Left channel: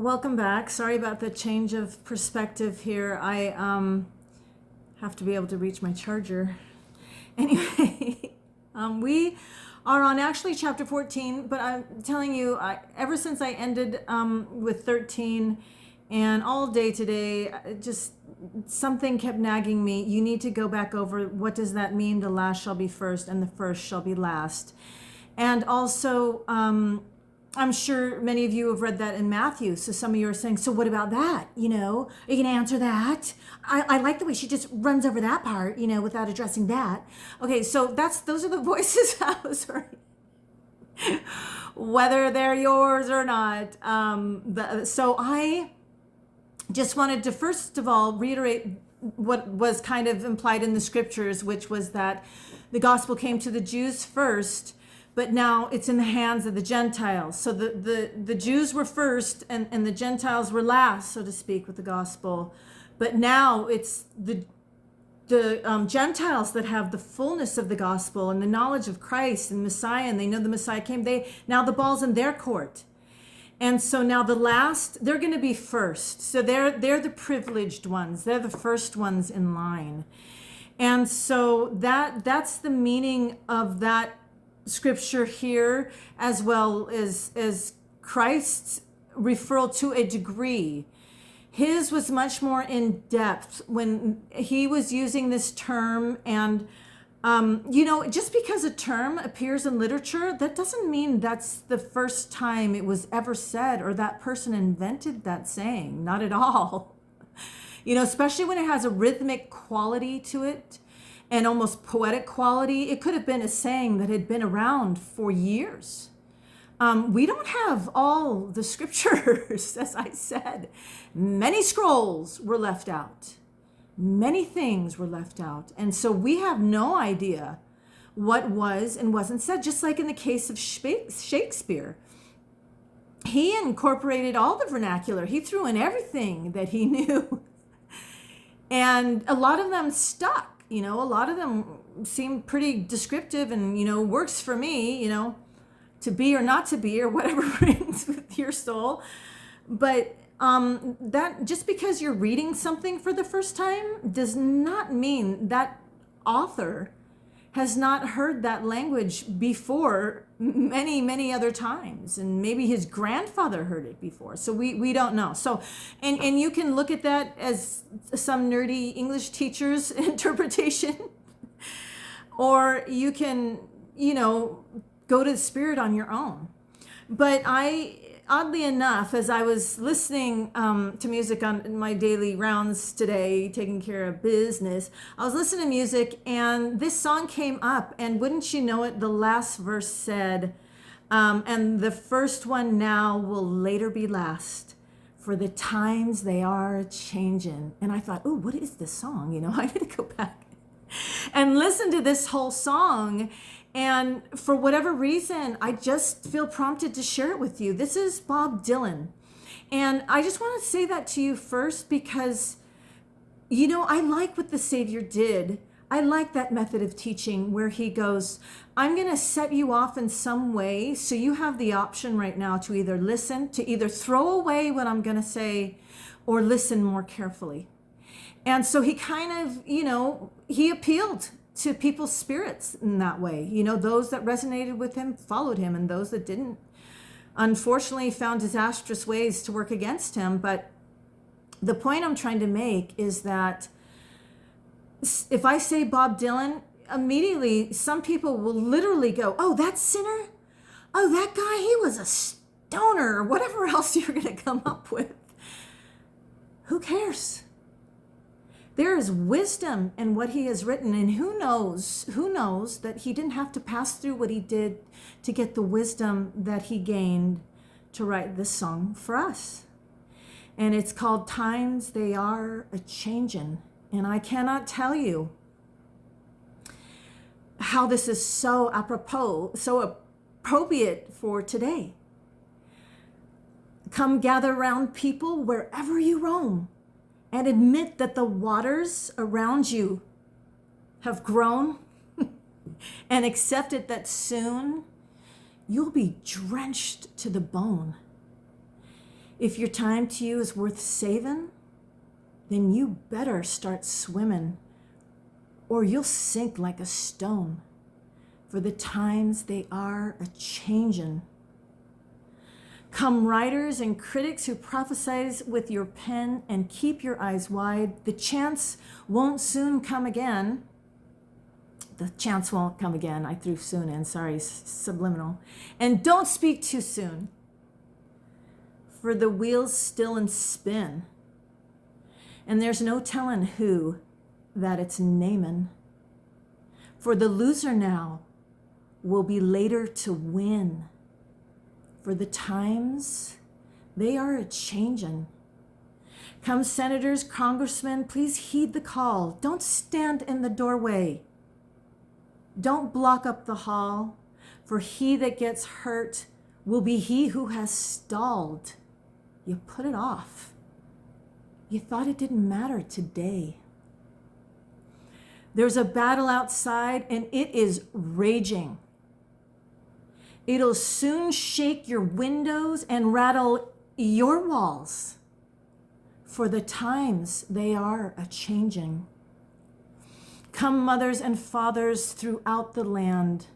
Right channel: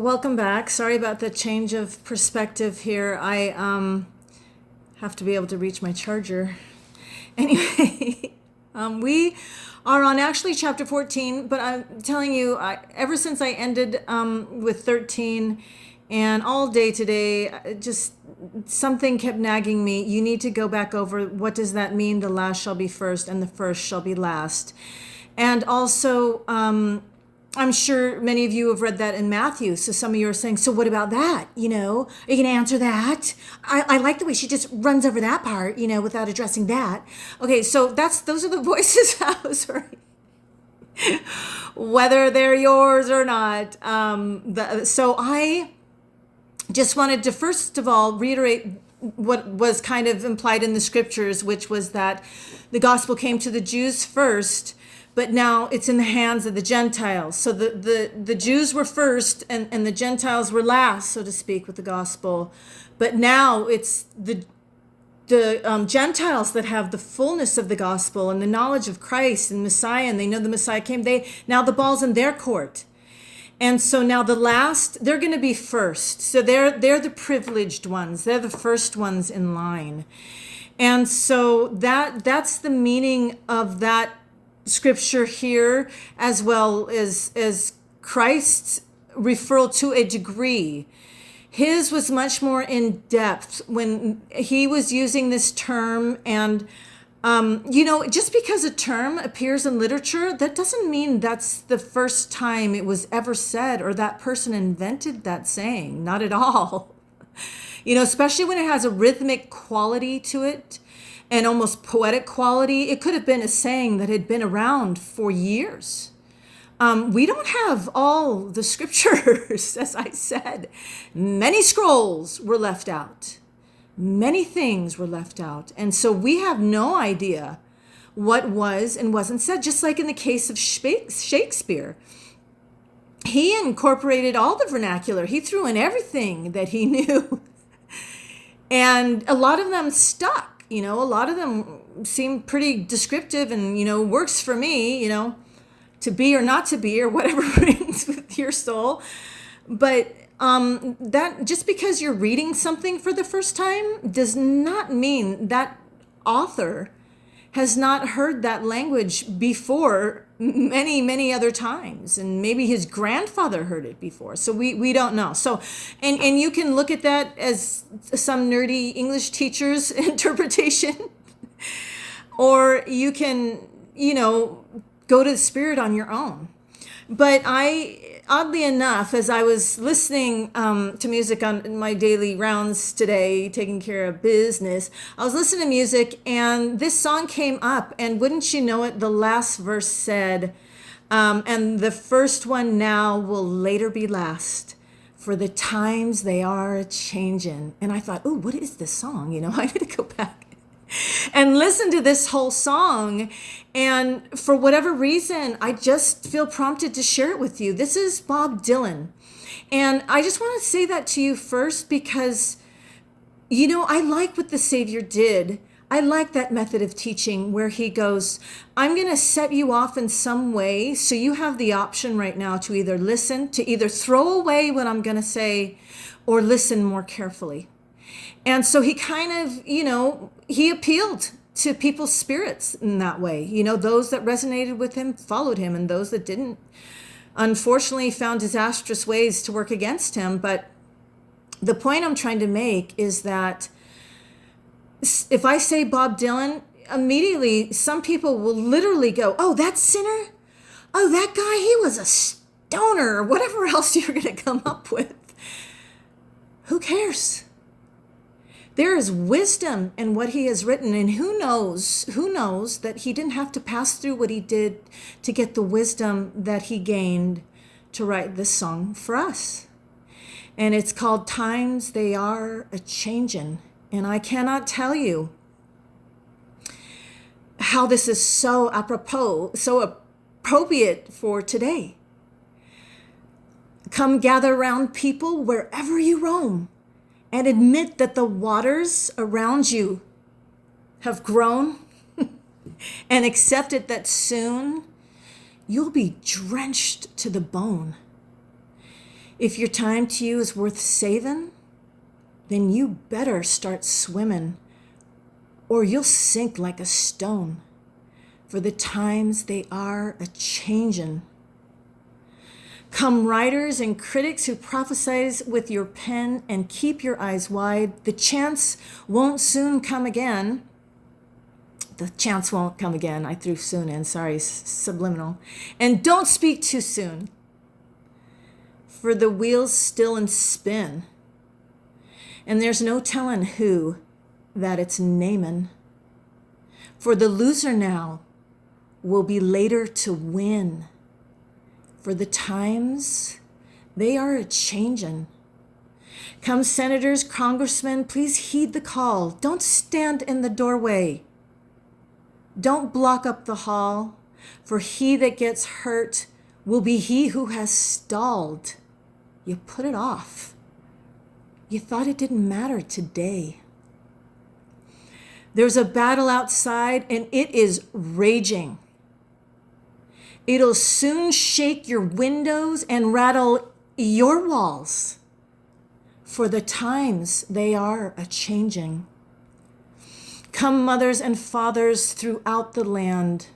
Welcome back. Sorry about the change of perspective here. I have to be able to reach my charger. Anyway, we are on actually chapter 14, but I'm telling you, ever since I ended with 13 and all day today, just something kept nagging me. You need to go back over what does that mean? The last shall be first and the first shall be last. And also, I'm sure many of you have read that in Matthew. So some of you are saying, so what about that? Are you going to answer that? I like the way she just runs over that part, without addressing that. Okay, so those are the voices I was hearing. Whether they're yours or not. So I just wanted to, first of all, reiterate what was kind of implied in the scriptures, which was that the gospel came to the Jews first, but now it's in the hands of the Gentiles. So the Jews were first and the Gentiles were last, so to speak, with the gospel. But now it's the Gentiles that have the fullness of the gospel and the knowledge of Christ and Messiah, and they know the Messiah came. Now the ball's in their court. And so now the last, they're going to be first. So they're the privileged ones. They're the first ones in line. And so that's the meaning of that scripture here, as well as Christ's referral to a degree. His was much more in depth when he was using this term. And just because a term appears in literature, that doesn't mean that's the first time it was ever said or that person invented that saying. Not at all. Especially when it has a rhythmic quality to it and almost poetic quality. It could have been a saying that had been around for years. We don't have all the scriptures, as I said. Many scrolls were left out. Many things were left out. And so we have no idea what was and wasn't said, just like in the case of Shakespeare. He incorporated all the vernacular. He threw in everything that he knew. And a lot of them stuck. A lot of them seem pretty descriptive and, works for me, to be or not to be or whatever rings with your soul. But that just because you're reading something for the first time does not mean that author has not heard that language before many, many other times. And maybe his grandfather heard it before. So we don't know. So, and you can look at that as some nerdy English teacher's interpretation, or you can, go to the Spirit on your own. But oddly enough, as I was listening to music on my daily rounds today, taking care of business, I was listening to music and this song came up, and wouldn't you know it, the last verse said, and the first one now will later be last, for the times they are a-changin'. And I thought, oh, what is this song? I need to go back and listen to this whole song. And for whatever reason, I just feel prompted to share it with you. This is Bob Dylan. And I just want to say that to you first because, I like what the Savior did. I like that method of teaching where he goes, I'm going to set you off in some way. So you have the option right now to either listen, to either throw away what I'm going to say or listen more carefully. And so he kind of, he appealed to people's spirits in that way. Those that resonated with him followed him, and those that didn't, unfortunately, found disastrous ways to work against him. But the point I'm trying to make is that if I say Bob Dylan, immediately some people will literally go, oh, that sinner? Oh, that guy, he was a stoner, or whatever else you're going to come up with. Who cares? There is wisdom in what he has written, and who knows that he didn't have to pass through what he did to get the wisdom that he gained to write this song for us. And it's called Times They Are A-Changin'. And I cannot tell you how this is so apropos, so appropriate for today. Come gather around people wherever you roam, and admit that the waters around you have grown, and accept it that soon you'll be drenched to the bone. If your time to you is worth saving, then you better start swimming, or you'll sink like a stone, for the times they are a-changin'. Come writers and critics who prophesize with your pen, and keep your eyes wide. The chance won't soon come again. The chance won't come again. I threw soon in, sorry, subliminal. And don't speak too soon, for the wheel's still in spin, and there's no telling who that it's namin'. For the loser now will be later to win, for the times they are a-changin'. Come senators, congressmen, please heed the call. Don't stand in the doorway. Don't block up the hall, for he that gets hurt will be he who has stalled. You put it off. You thought it didn't matter today. There's a battle outside, and it is raging. It'll soon shake your windows and rattle your walls, for the times they are a-changing. Come mothers and fathers throughout the land,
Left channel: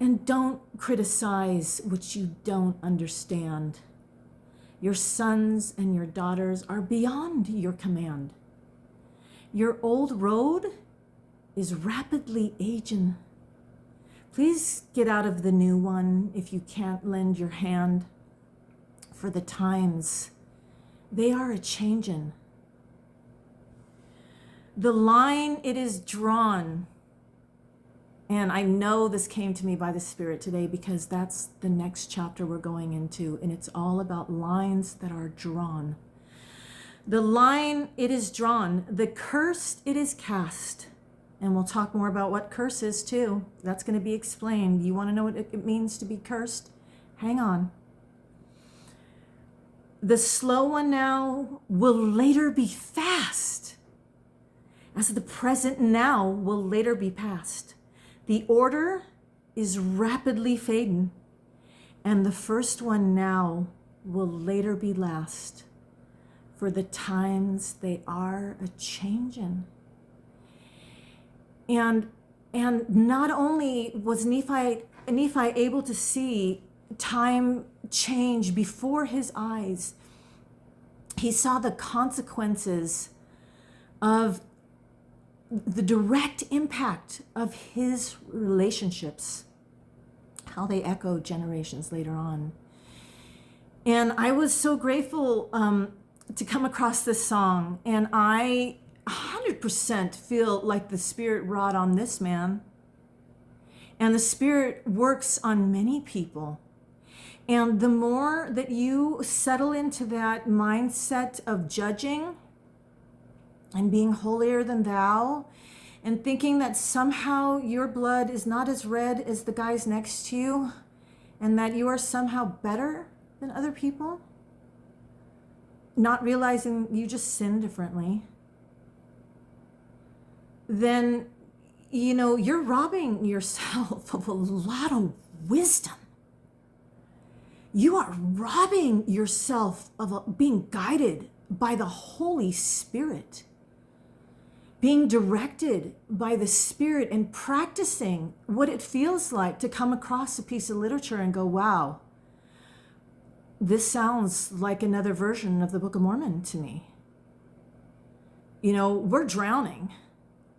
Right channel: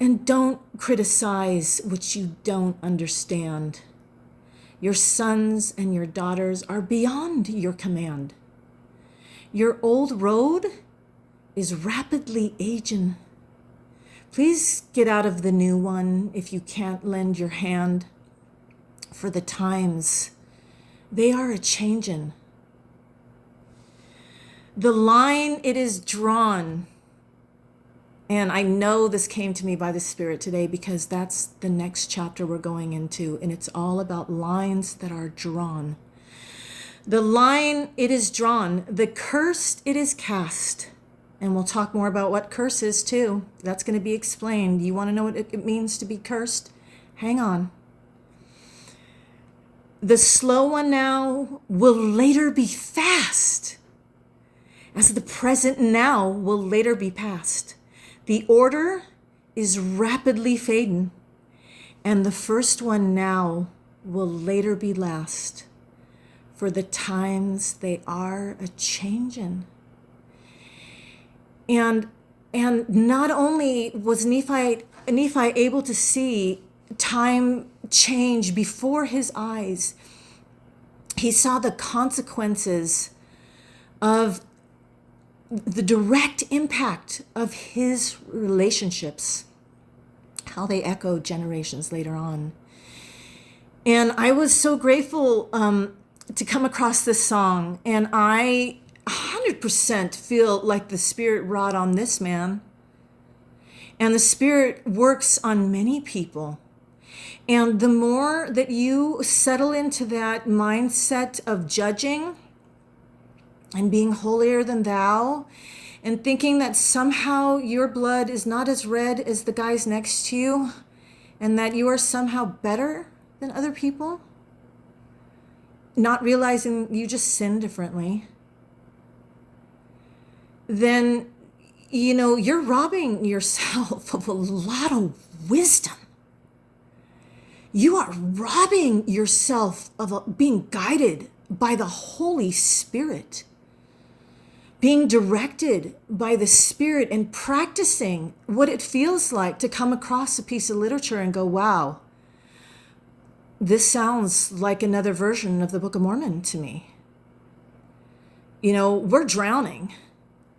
and don't criticize what you don't understand. Your sons and your daughters are beyond your command. Your old road is rapidly aging. Please get out of the new one if you can't lend your hand, for the times they are a-changin'. The line it is drawn, and I know this came to me by the Spirit today because that's the next chapter we're going into, and it's all about lines that are drawn. The line it is drawn, the cursed it is cast. And we'll talk more about what curse is too. That's going to be explained. You want to know what it means to be cursed? Hang on. The slow one now will later be fast, as the present now will later be past. The order is rapidly fading, and the first one now will later be last, for the times they are a-changin'. And not only was Nephi able to see time change before his eyes, he saw the consequences of the direct impact of his relationships, how they echo generations later on. And I was so grateful to come across this song, and I 100% feel like the Spirit wrought on this man. And the Spirit works on many people. And the more that you settle into that mindset of judging and being holier than thou, and thinking that somehow your blood is not as red as the guys next to you, and that you are somehow better than other people, not realizing you just sin differently, then, you're robbing yourself of a lot of wisdom. You are robbing yourself of being guided by the Holy Spirit, being directed by the Spirit, and practicing what it feels like to come across a piece of literature and go, wow, this sounds like another version of the Book of Mormon to me. We're drowning.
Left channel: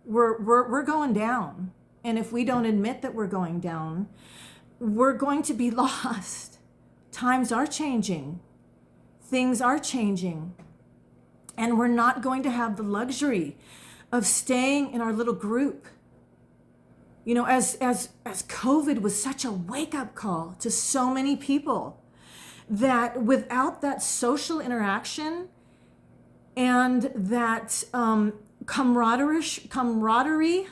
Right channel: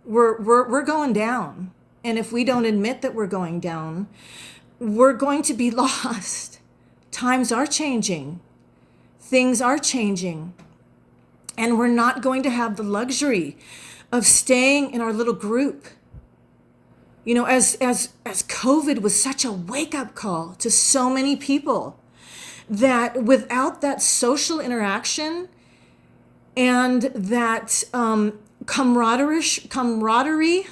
We're going down. And if we don't admit that we're going down, we're going to be lost. Times are changing. Things are changing. And we're not going to have the luxury of staying in our little group. As COVID was such a wake-up call to so many people, that without that social interaction and that camaraderie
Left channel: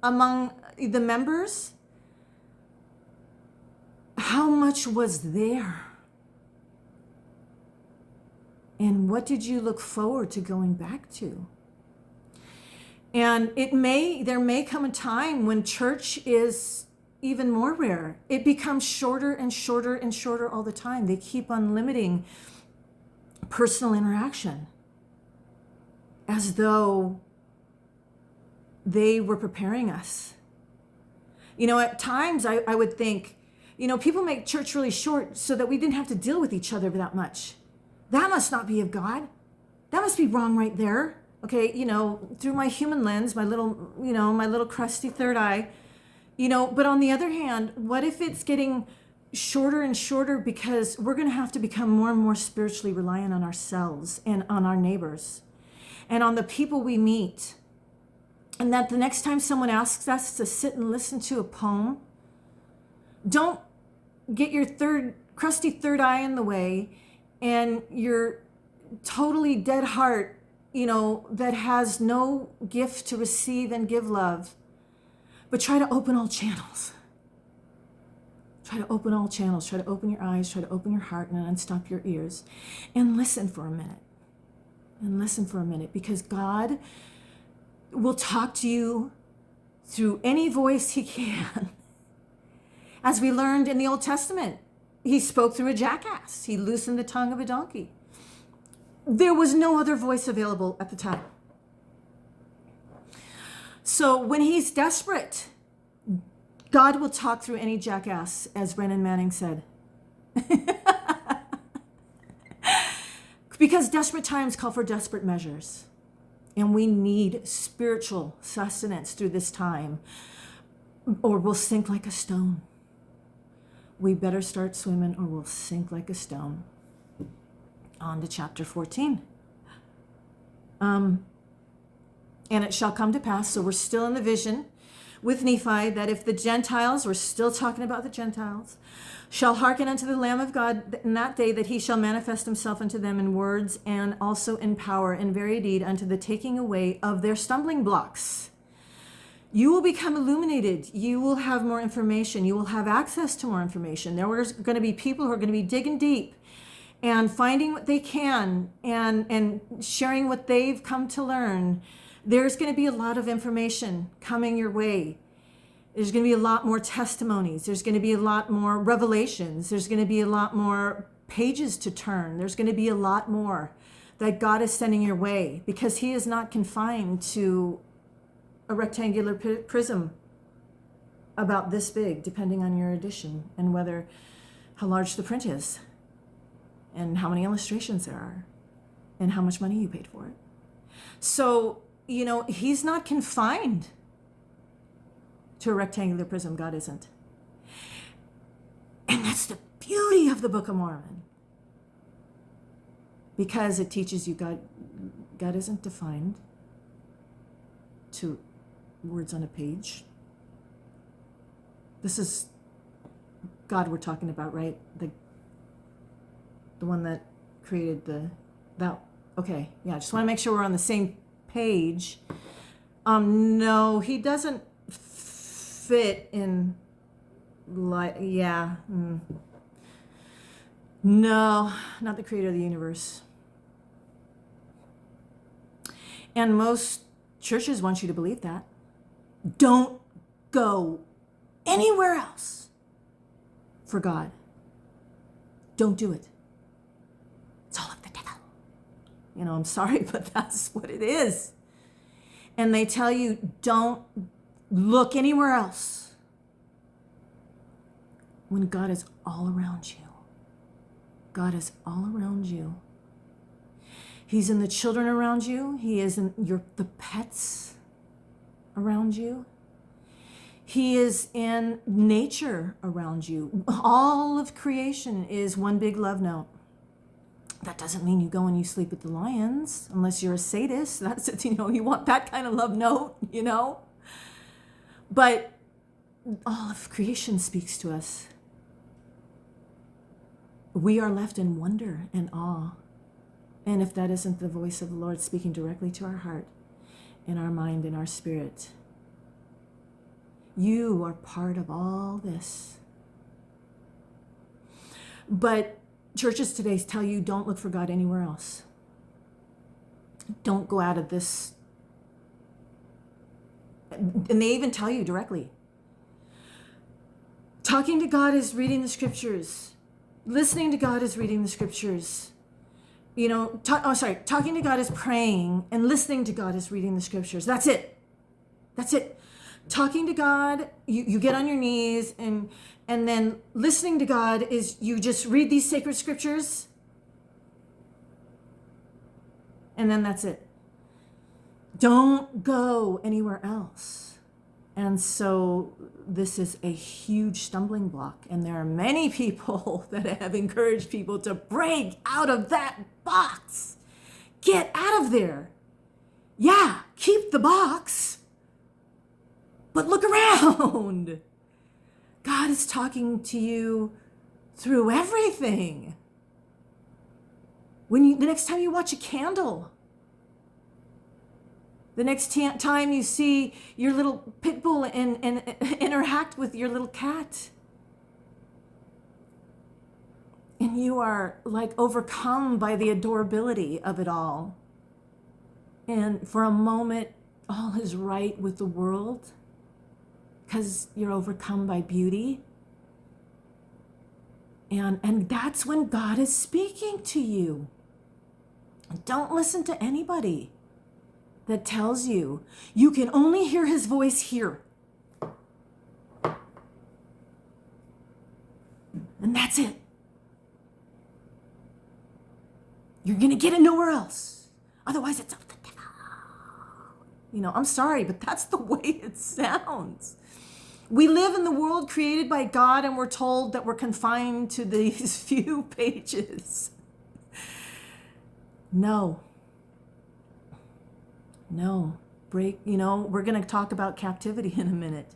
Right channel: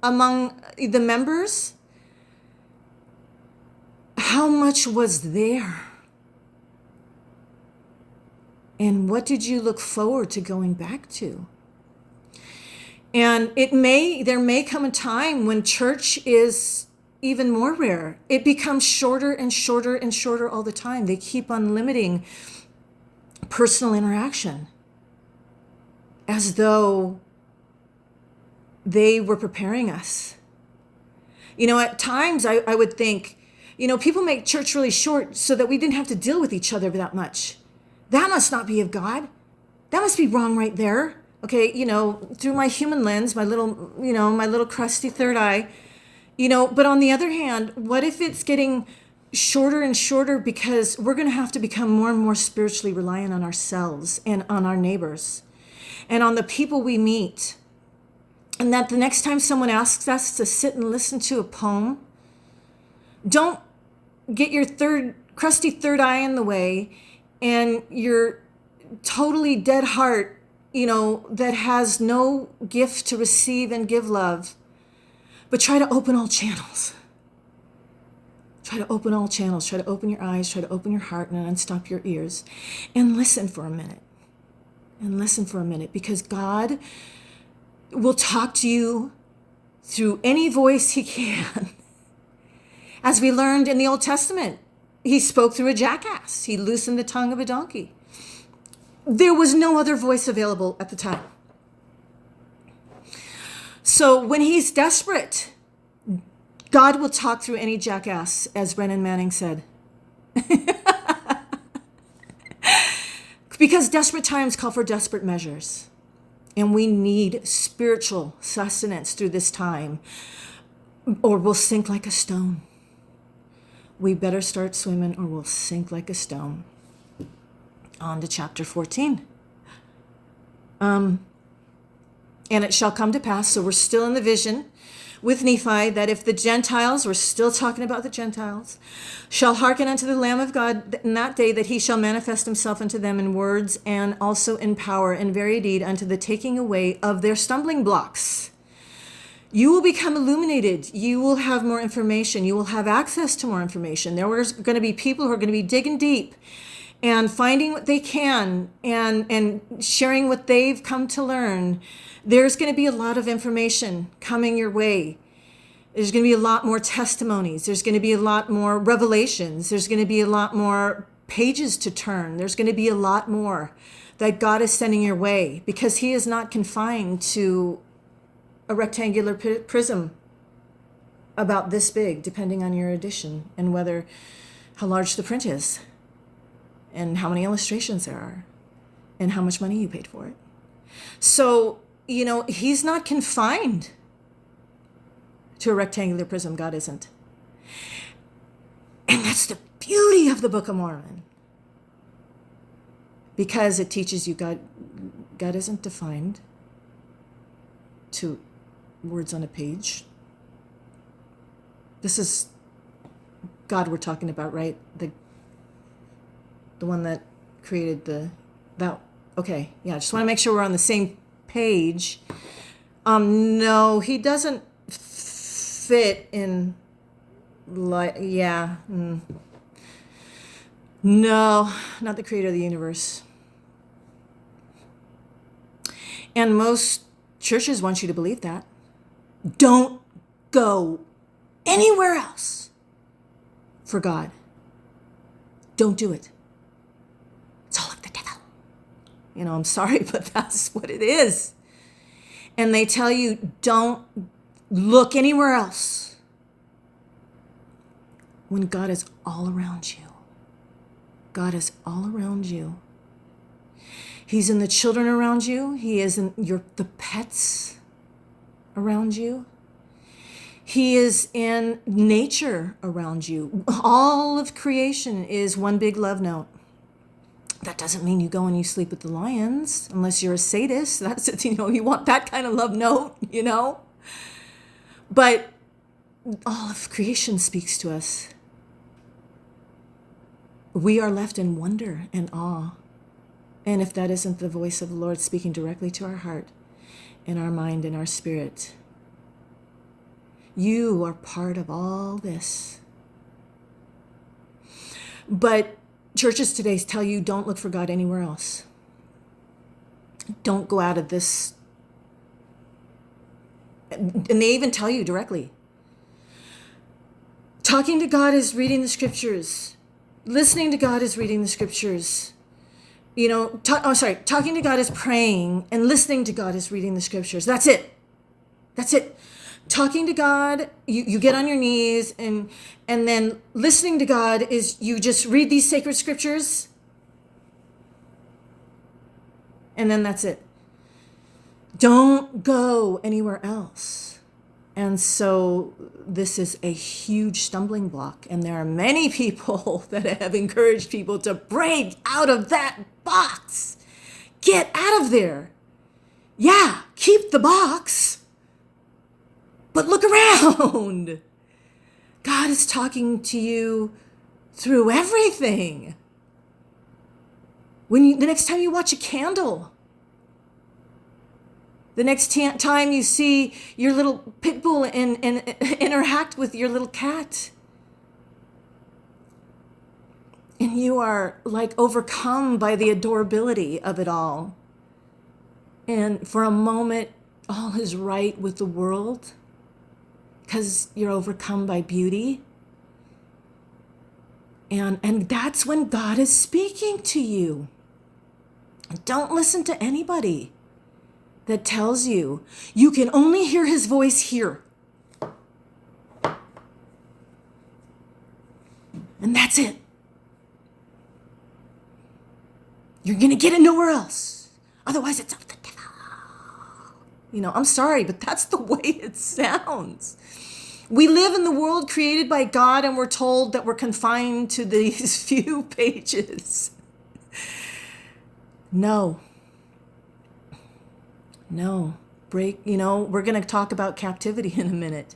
among the members, how much was there? And what did you look forward to going back to? And there may come a time when church is even more rare. It becomes shorter and shorter and shorter all the time. They keep on limiting personal interaction as though they were preparing us. At times I would think, people make church really short so that we didn't have to deal with each other that much. That must not be of God. That must be wrong right there. Okay, through my human lens, my little crusty third eye, but on the other hand, what if it's getting shorter and shorter because we're going to have to become more and more spiritually reliant on ourselves and on our neighbors and on the people we meet. And that the next time someone asks us to sit and listen to a poem, don't get your crusty third eye in the way and your totally dead heart, that has no gift to receive and give love, but try to open all channels. Try to open all channels. Try to open your eyes. Try to open your heart and unstop your ears and listen for a minute. Because God will talk to you through any voice he can. As we learned in the Old Testament, he spoke through a jackass. He loosened the tongue of a donkey. There was no other voice available at the time. So when he's desperate, God will talk through any jackass, as Brennan Manning said. Because desperate times call for desperate measures. And we need spiritual sustenance through this time, or we'll sink like a stone. We better start swimming or we'll sink like a stone. On to chapter 14. And it shall come to pass, so we're still in the vision with Nephi, that if the Gentiles, we're still talking about the Gentiles, shall hearken unto the Lamb of God in that day, that he shall manifest himself unto them in words and also in power and very deed, unto the taking away of their stumbling blocks. You will become illuminated. You will have more information. You will have access to more information. There are going to be people who are going to be digging deep and finding what they can and sharing what they've come to learn. There's going to be a lot of information coming your way. There's going to be a lot more testimonies. There's going to be a lot more revelations. There's going to be a lot more pages to turn. There's going to be a lot more that God is sending your way, because he is not confined to a rectangular prism about this big, depending on your edition and how large the print is and how many illustrations there are and how much money you paid for it. So, he's not confined to a rectangular prism. God isn't. And that's the beauty of the Book of Mormon, because it teaches you God isn't defined to words on a page. This is God we're talking about, right? The one that created that. Okay, yeah, I just want to make sure we're on the same page. No, he doesn't fit in, no, not the creator of the universe. And most churches want you to believe that. Don't go anywhere else for God. Don't do it. It's all of the devil. I'm sorry, but that's what it is. And they tell you, don't look anywhere else, when God is all around you. God is all around you. He's in the children around you. He is in the pets around you. He is in nature around you. All of creation is one big love note. That doesn't mean you go and you sleep with the lions, unless you're a sadist. That's it, you want that kind of love note, But all of creation speaks to us. We are left in wonder and awe. And if that isn't the voice of the Lord speaking directly to our heart and our mind and our spirit, you are part of all this. But churches today tell you, don't look for God anywhere else. Don't go out of this. And they even tell you directly, Talking to God is reading the scriptures. Listening to God is reading the scriptures. Talking to God is praying, and listening to God is reading the scriptures. That's it. That's it. Talking to God, you get on your knees, and then listening to God is you just read these sacred scriptures, and then that's it. Don't go anywhere else. And so this is a huge stumbling block. And there are many people that have encouraged people to break out of that box. Get out of there. Yeah, keep the box, but look around. God is talking to you through everything. The next time you watch a candle, the next time you see your little pit bull and interact with your little cat, and you are like overcome by the adorability of it all, and for a moment all is right with the world because you're overcome by beauty, and that's when God is speaking to you. Don't listen to anybody that tells you you can only hear his voice here. And that's it. You're going to get it nowhere else. Otherwise, it's of the devil. I'm sorry, but that's the way it sounds. We live in the world created by God, and we're told that we're confined to these few pages. No. We're going to talk about captivity in a minute.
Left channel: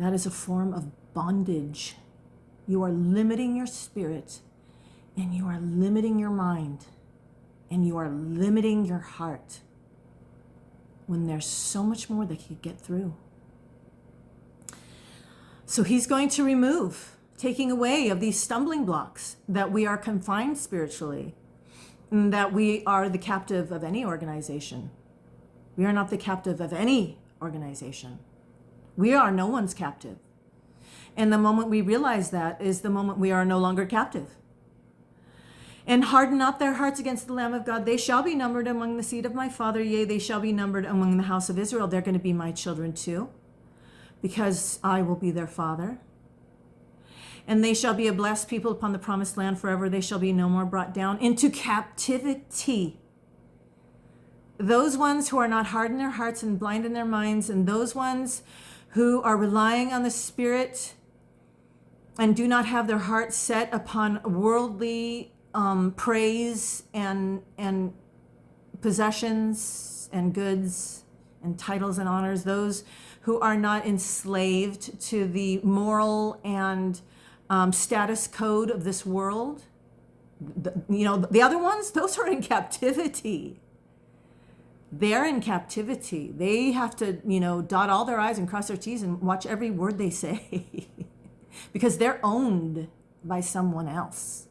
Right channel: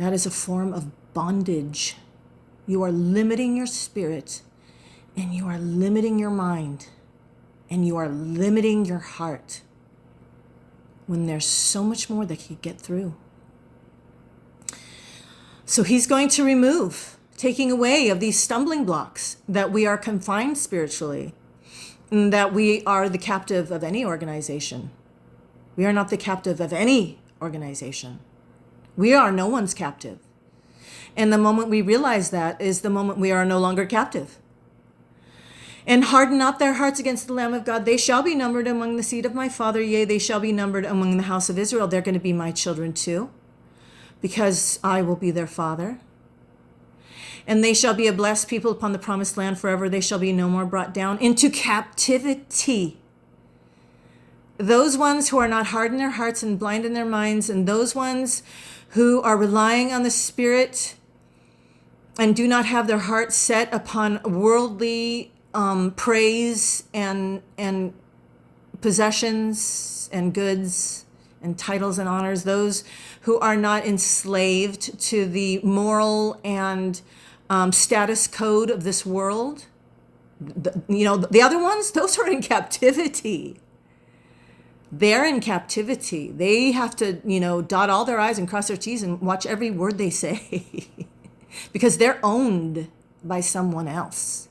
That is a form of bondage. You are limiting your spirit, and you are limiting your mind, and you are limiting your heart when there's so much more that you get through. So he's going to remove, taking away of these stumbling blocks that we are confined spiritually, that we are the captive of any organization. We are not the captive of any organization. We are no one's captive. And the moment we realize that is the moment we are no longer captive. And harden not their hearts against the Lamb of God. They shall be numbered among the seed of my father. Yea, they shall be numbered among the house of Israel. They're going to be my children too, because I will be their father. And they shall be a blessed people upon the promised land forever. They shall be no more brought down into captivity. Those ones who are not hard in their hearts and blind in their minds, and those ones who are relying on the Spirit and do not have their hearts set upon worldly praise and possessions and goods and titles and honors, those who are not enslaved to the moral and status code of this world. The other ones, those are in captivity. They're in captivity. They have to, dot all their I's and cross their T's and watch every word they say because they're owned by someone else.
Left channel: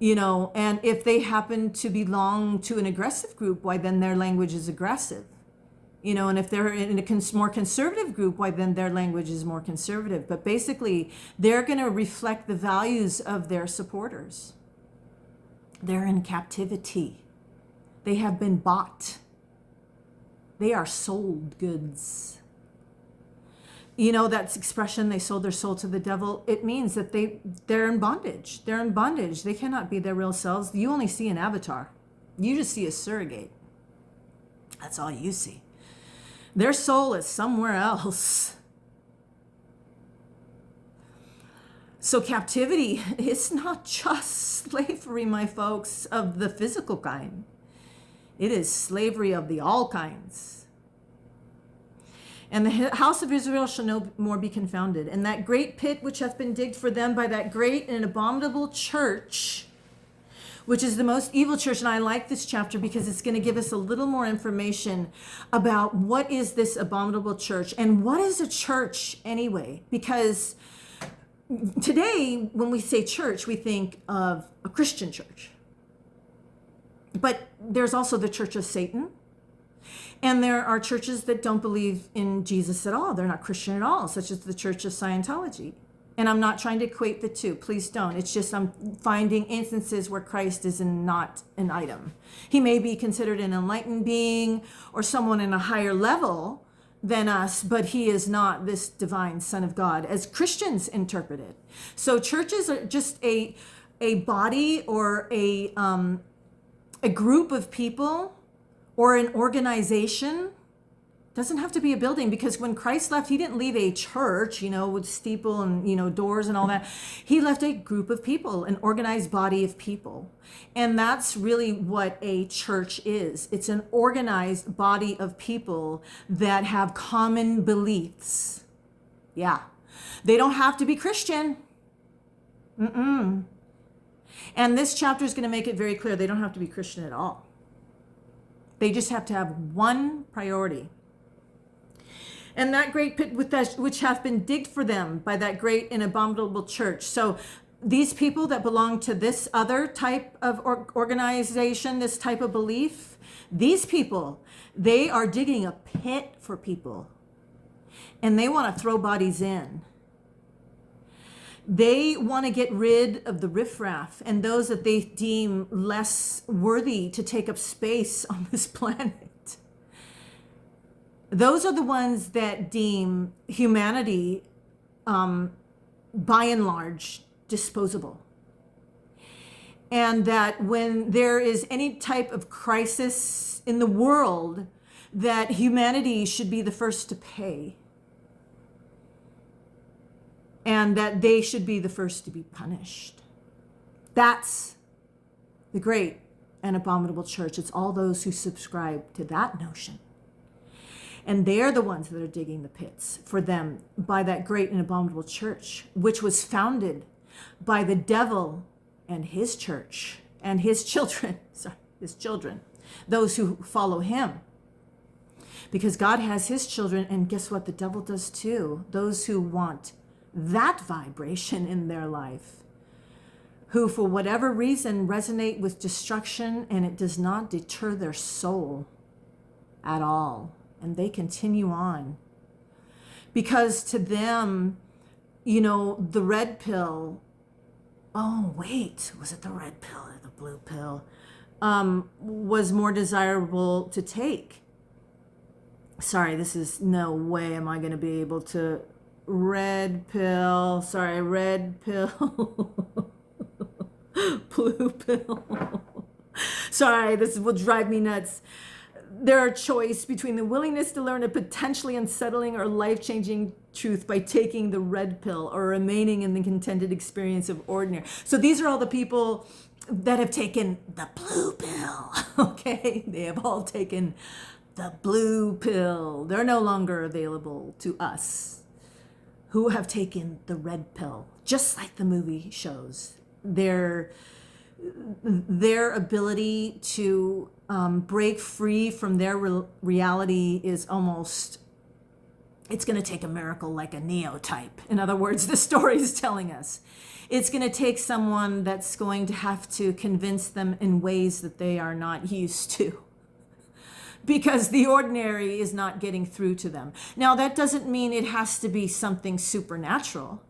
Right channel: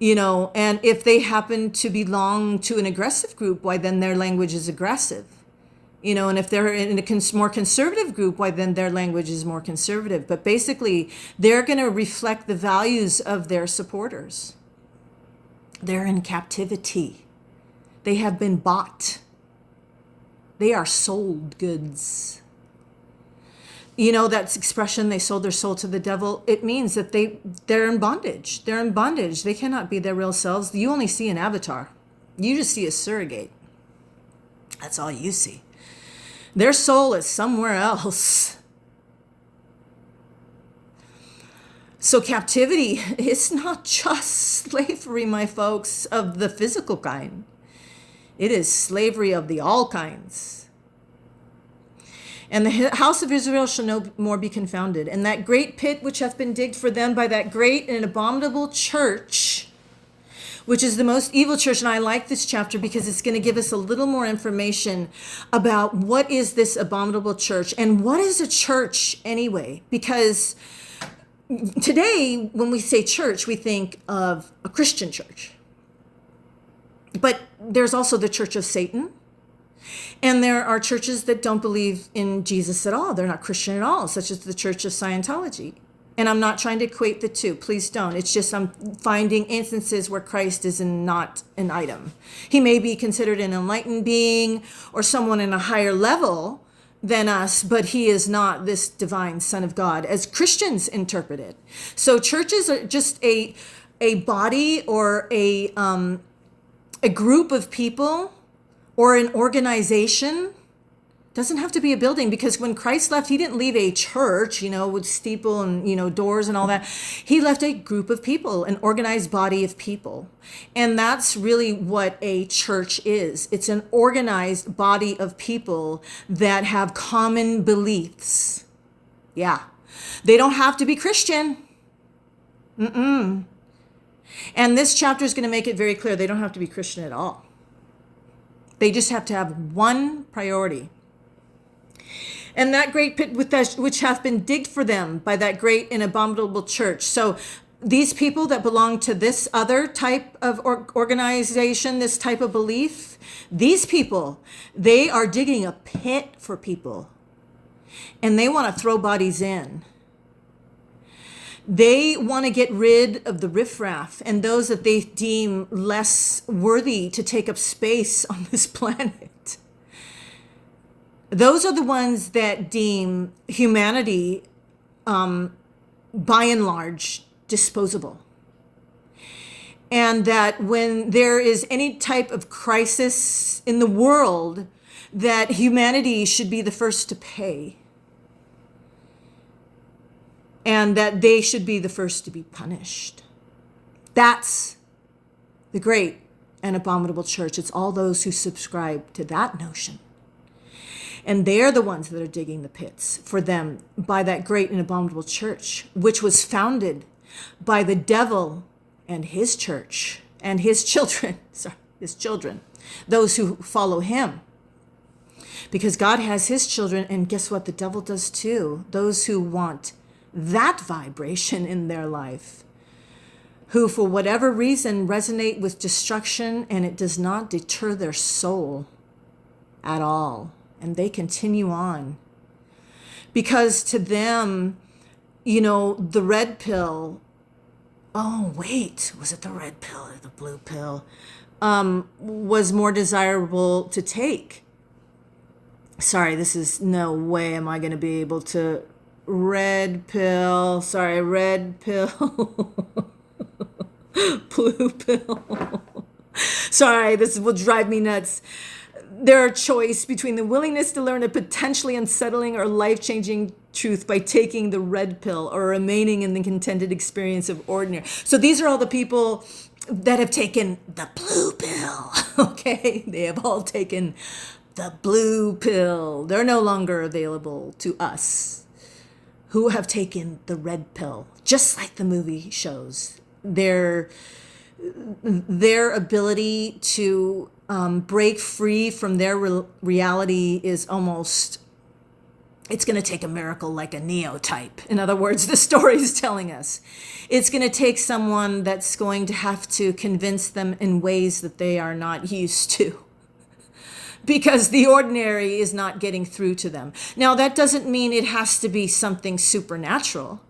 And if they happen to belong to an aggressive group, why then their language is aggressive. And if they're in a more conservative group, why then their language is more conservative. But basically, they're going to reflect the values of their supporters. They're in captivity. They have been bought. They are sold goods. That expression, they sold their soul to the devil, it means that they're in bondage. They're in bondage. They cannot be their real selves. You only see an avatar. You just see a surrogate. That's all you see. Their soul is somewhere else. So captivity is not just slavery, my folks, of the physical kind. It is slavery of the all kinds. And the house of Israel shall no more be confounded. And that great pit which hath been digged for them by that great and abominable church, which is the most evil church. And I like this chapter because it's going to give us a little more information about what is this abominable church and what is a church anyway. Because today, when we say church, we think of a Christian church. But there's also the church of Satan. And there are churches that don't believe in Jesus at all. They're not Christian at all, such as the Church of Scientology. And I'm not trying to equate the two. Please don't. It's just I'm finding instances where Christ is not an item. He may be considered an enlightened being or someone in a higher level than us, but he is not this divine Son of God, as Christians interpret it. So churches are just a body or a group of people or an organization. Doesn't have to be a building, because when Christ left, he didn't leave a church, with steeple and, doors and all that. He left a group of people, an organized body of people. And that's really what a church is. It's an organized body of people that have common beliefs. Yeah. They don't have to be Christian. And this chapter is going to make it very clear they don't have to be Christian at all. They just have to have one priority. And that great pit which hath been digged for them by that great and abominable church. So these people that belong to this other type of organization, this type of belief, these people, they are digging a pit for people. And they want to throw bodies in. They want to get rid of the riffraff and those that they deem less worthy to take up space on this planet. Those are the ones that deem humanity, by and large, disposable. And that when there is any type of crisis in the world, that humanity should be the first to pay. And that they should be the first to be punished. That's the great and abominable church. It's all those who subscribe to that notion. And they're the ones that are digging the pits for them by that great and abominable church, which was founded by the devil and his church and his children, those who follow him. Because God has his children, and guess what? The devil does too. Those who want that vibration in their life, who for whatever reason resonate with destruction, and it does not deter their soul at all. And they continue on. Because to them, the red pill, was it the red pill or the blue pill, was more desirable to take. Sorry, this is no way am I going to be able to, red pill, blue pill. Sorry, this will drive me nuts. There are choice between the willingness to learn a potentially unsettling or life-changing truth by taking the red pill or remaining in the contented experience of ordinary. So these are all the people that have taken the blue pill, okay? They have all taken the blue pill. They're no longer available to us who have taken the red pill, just like the movie shows. Their ability to break free from their reality is almost, it's going to take a miracle like a Neo type. In other words, the story is telling us. It's going to take someone that's going to have to convince them in ways that they are not used to. Because the ordinary is not getting through to them. Now, that doesn't mean it has to be something supernatural.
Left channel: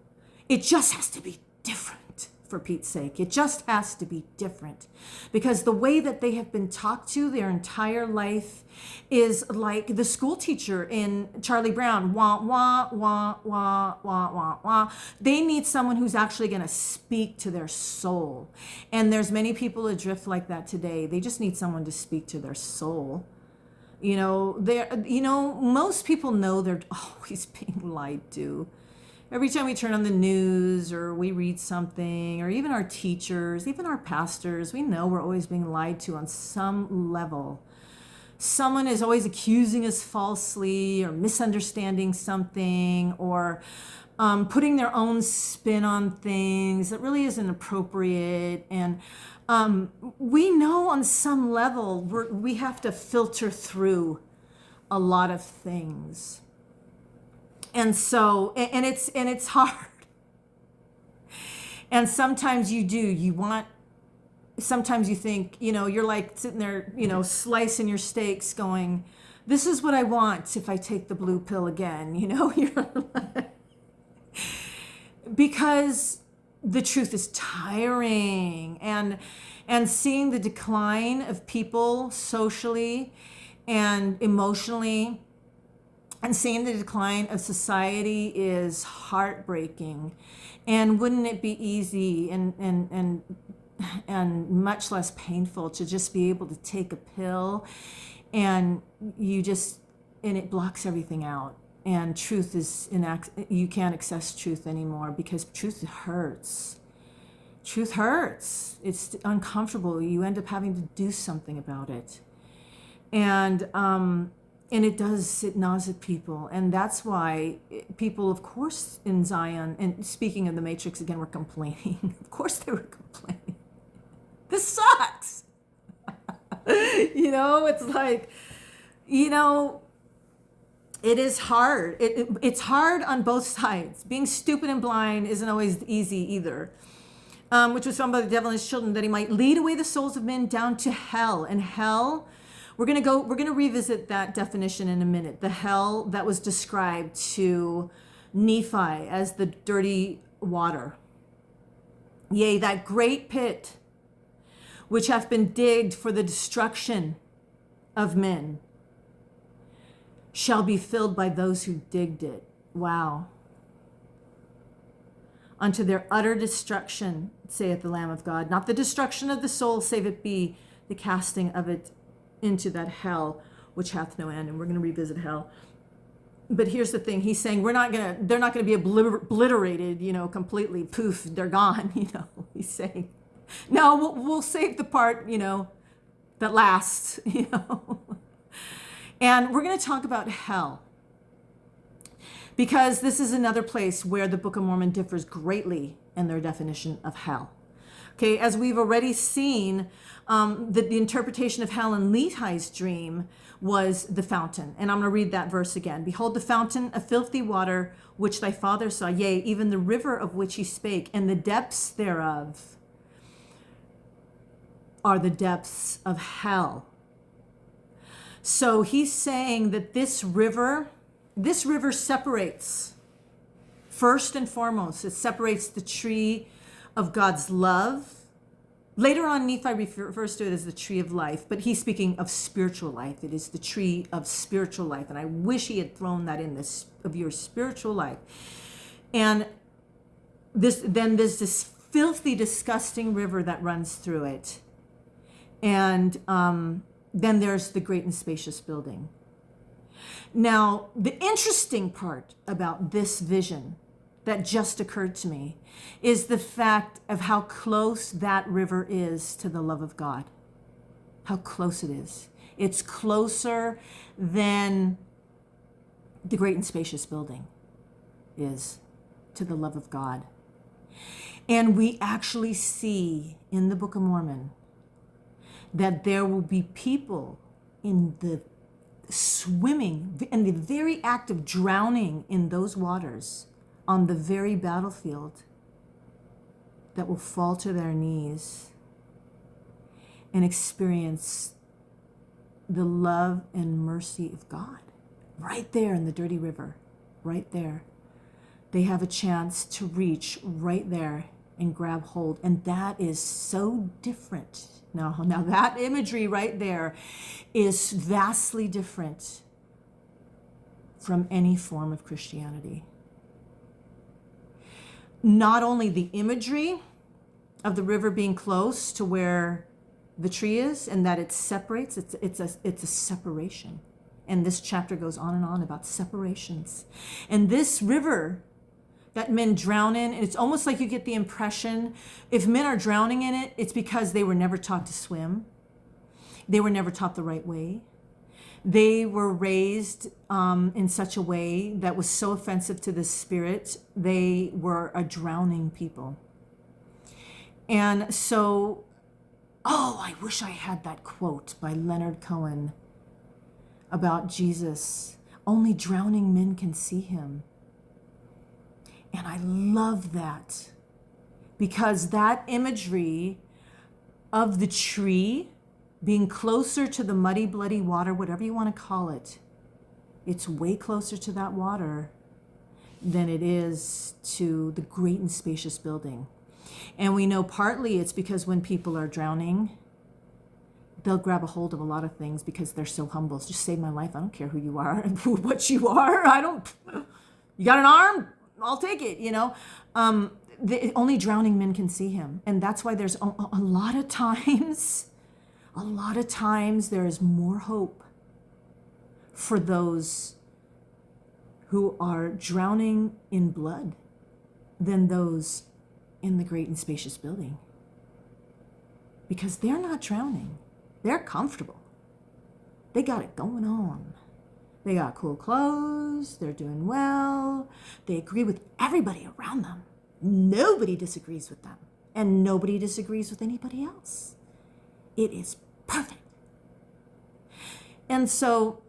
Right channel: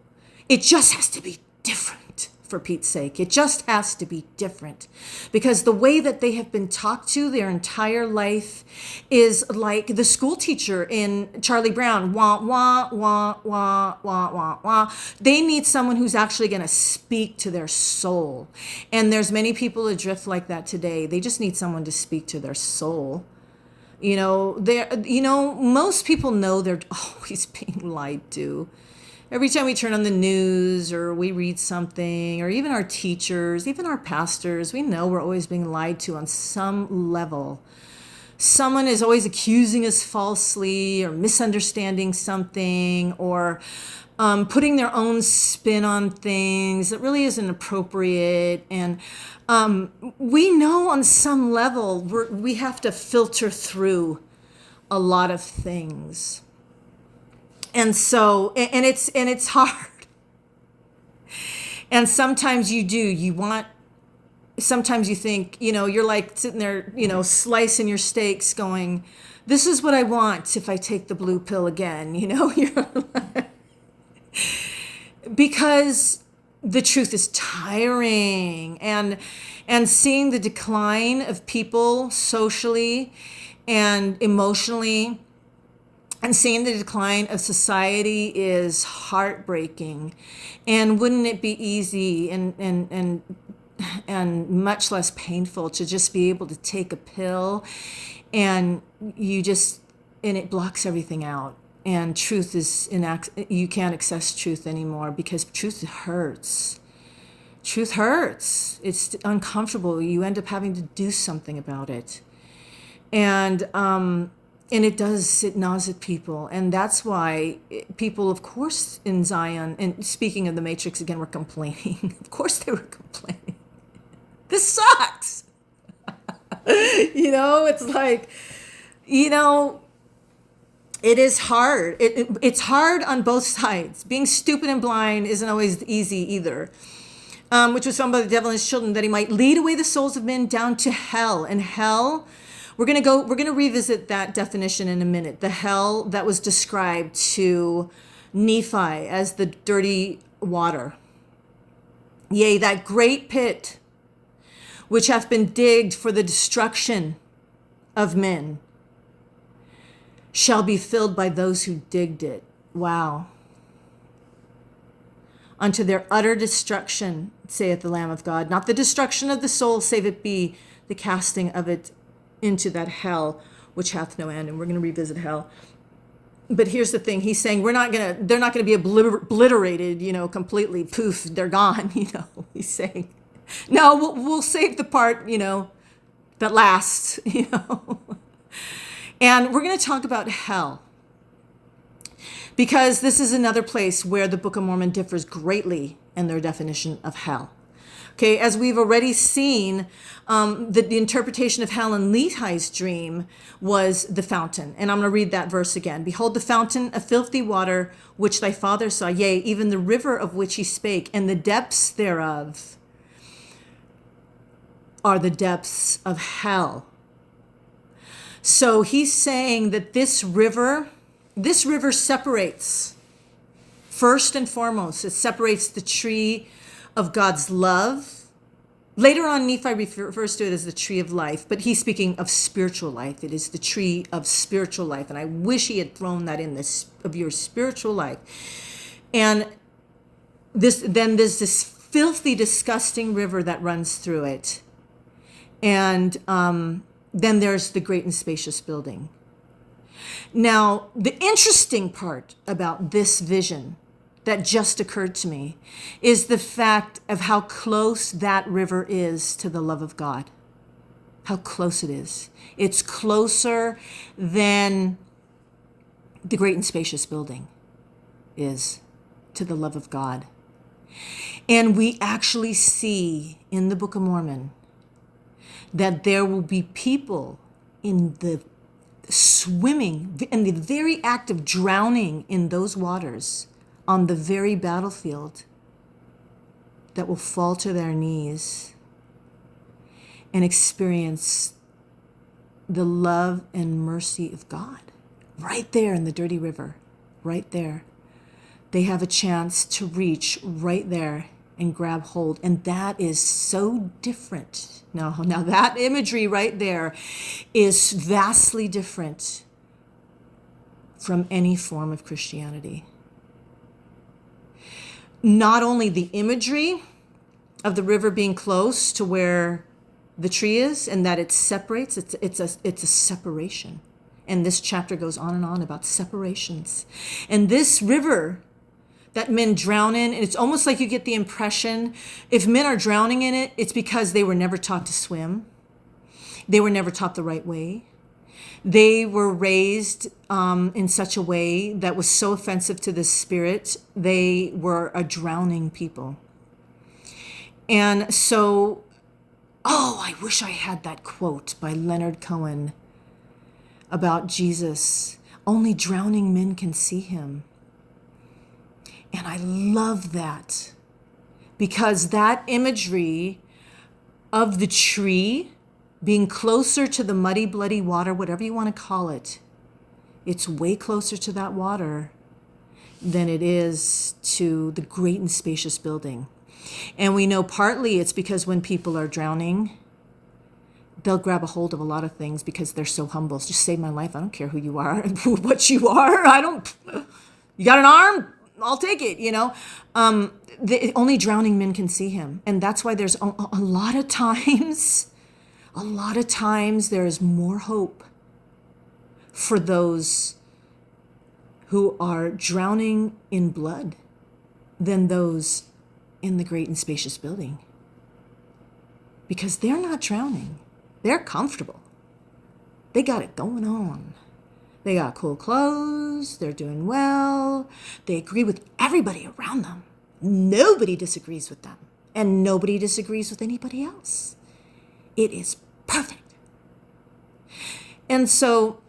It just has to be different. For Pete's sake, it just has to be different, because the way that they have been talked to their entire life is like the school teacher in Charlie Brown. Wah, wah, wah, wah, wah, wah, wah. They need someone who's actually going to speak to their soul. And there's many people adrift like that today. They just need someone to speak to their soul. Most people know they're always being lied to. Every time we turn on the news or we read something, or even our teachers, even our pastors, we know we're always being lied to on some level. Someone is always accusing us falsely or misunderstanding something, or putting their own spin on things that really isn't appropriate. And we know on some level we have to filter through a lot of things. And so, and it's hard. And sometimes sometimes you think, you're like sitting there, slicing your steaks going, This is what I want if I take the blue pill again, you know? Because the truth is tiring, and seeing the decline of people socially and emotionally, and seeing the decline of society is heartbreaking. And wouldn't it be easy and much less painful to just be able to take a pill and it blocks everything out, and truth is you can't access truth anymore because truth hurts. Truth hurts. It's uncomfortable. You end up having to do something about it. And it gnaws at people. And that's why people, of course, in Zion, and speaking of the Matrix again, were complaining. Of course they were complaining. This sucks. It's like, it is hard. It's hard on both sides. Being stupid and blind isn't always easy either. Which was found by the devil and his children, that he might lead away the souls of men down to hell. And hell, we're going to revisit that definition in a minute. The hell that was described to Nephi as the dirty water. Yea, that great pit which hath been digged for the destruction of men shall be filled by those who digged it. Wow. Unto their utter destruction, saith the Lamb of God. Not the destruction of the soul, save it be the casting of it into that hell which hath no end. And we're going to revisit hell. But here's the thing. He's saying they're not going to be obliterated, completely. Poof, they're gone, He's saying, no, we'll save the part, that lasts, And we're going to talk about hell, because this is another place where the Book of Mormon differs greatly in their definition of hell. Okay, as we've already seen, the interpretation of hell in Lehi's dream was the fountain. And I'm going to read that verse again. Behold, the fountain of filthy water, which thy father saw, yea, even the river of which he spake, and the depths thereof are the depths of hell. So he's saying that this river separates, first and foremost, it separates the tree of God's love. Later on, Nephi refers to it as the tree of life, but he's speaking of spiritual life. It is the tree of spiritual life. And I wish he had thrown that in this, of your spiritual life. And then there's this filthy, disgusting river that runs through it. And then there's the great and spacious building. Now, the interesting part about this vision that just occurred to me is the fact of how close that river is to the love of God. How close it is. It's closer than the great and spacious building is to the love of God. And we actually see in the Book of Mormon that there will be people in the swimming, in the very act of drowning in those waters on the very battlefield, that will fall to their knees and experience the love and mercy of God right there in the dirty river, right there. They have a chance to reach right there and grab hold. And that is so different. Now that imagery right there is vastly different from any form of Christianity. Not only the imagery of the river being close to where the tree is and that it separates, it's a separation. And this chapter goes on and on about separations. And this river that men drown in, and it's almost like you get the impression if men are drowning in it, it's because they were never taught to swim. They were never taught the right way. They were raised in such a way that was so offensive to the spirit. They were a drowning people. And so, I wish I had that quote by Leonard Cohen about Jesus. Only drowning men can see him. And I love that, because that imagery of the tree being closer to the muddy, bloody water, whatever you want to call it. It's way closer to that water than it is to the great and spacious building. And we know partly it's because when people are drowning, they'll grab a hold of a lot of things because they're so humble. Just save my life. I don't care who you are, what you are. You got an arm? I'll take it, only drowning men can see him. And that's why there's a lot of times there is more hope for those who are drowning in blood than those in the great and spacious building. Because they're not drowning. They're comfortable. They got it going on. They got cool clothes. They're doing well. They agree with everybody around them. Nobody disagrees with them. And nobody disagrees with anybody else. It is perfect. And so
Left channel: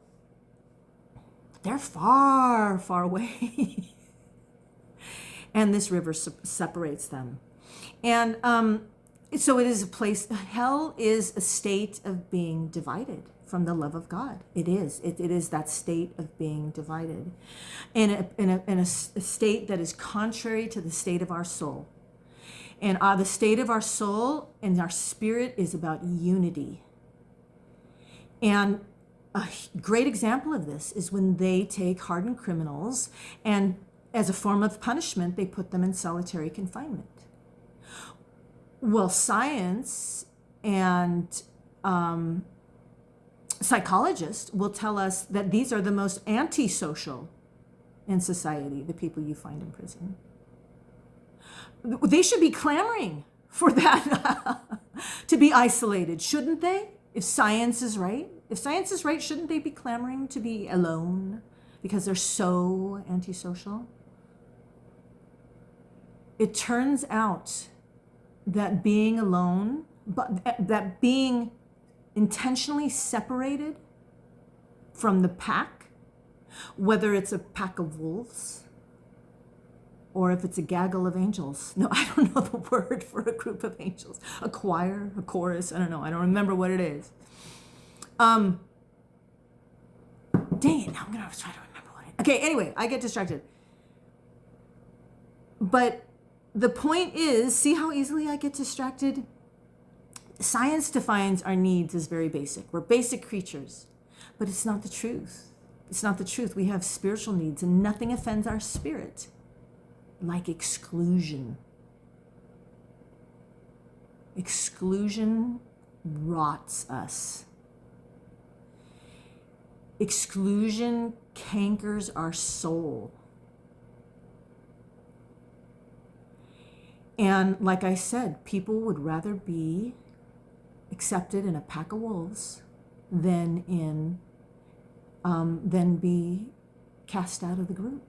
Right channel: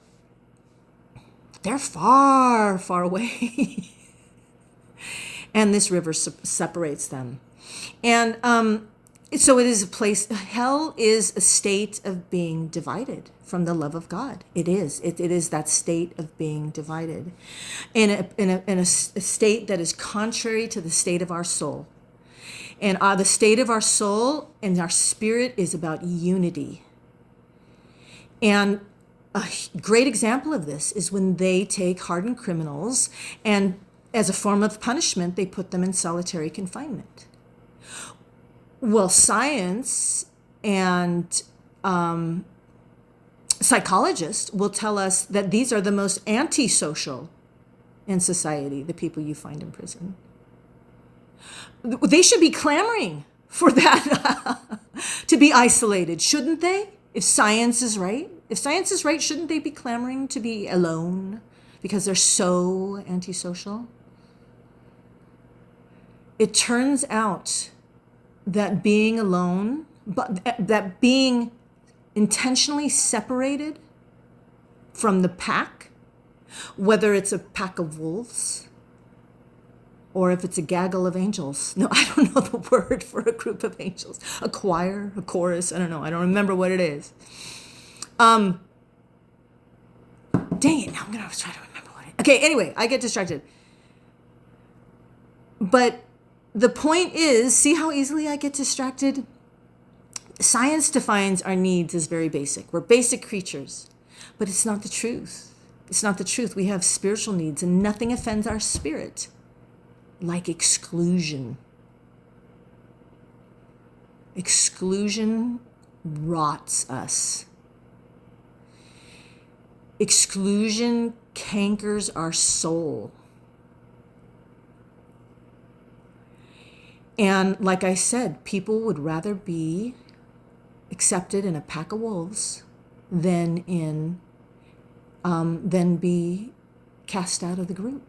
they're far, far away. And this river separates them. And so it is a place, hell is a state of being divided from the love of God. It is. It is that state of being divided. In a state that is contrary to the state of our soul. And the state of our soul and our spirit is about unity. And a great example of this is when they take hardened criminals and as a form of punishment, they put them in solitary confinement. Well, science and psychologists will tell us that these are the most antisocial in society, the people you find in prison. They should be clamoring for that to be isolated, shouldn't they? If science is right, shouldn't they be clamoring to be alone because they're so antisocial? It turns out that being alone, but that being intentionally separated from the pack, whether it's a pack of wolves or if it's a gaggle of angels. No, I don't know the word for a group of angels. A choir, a chorus, I don't know. I don't remember what it is. Dang it, now I'm going to try to remember what it is. Okay, anyway, I get distracted. But the point is, see how easily I get distracted? Science defines our needs as very basic. We're basic creatures, but it's not the truth. It's not the truth. We have spiritual needs, and nothing offends our spirit like exclusion. Exclusion rots us. Exclusion cankers our soul. And like I said, people would rather be accepted in a pack of wolves than be cast out of the group.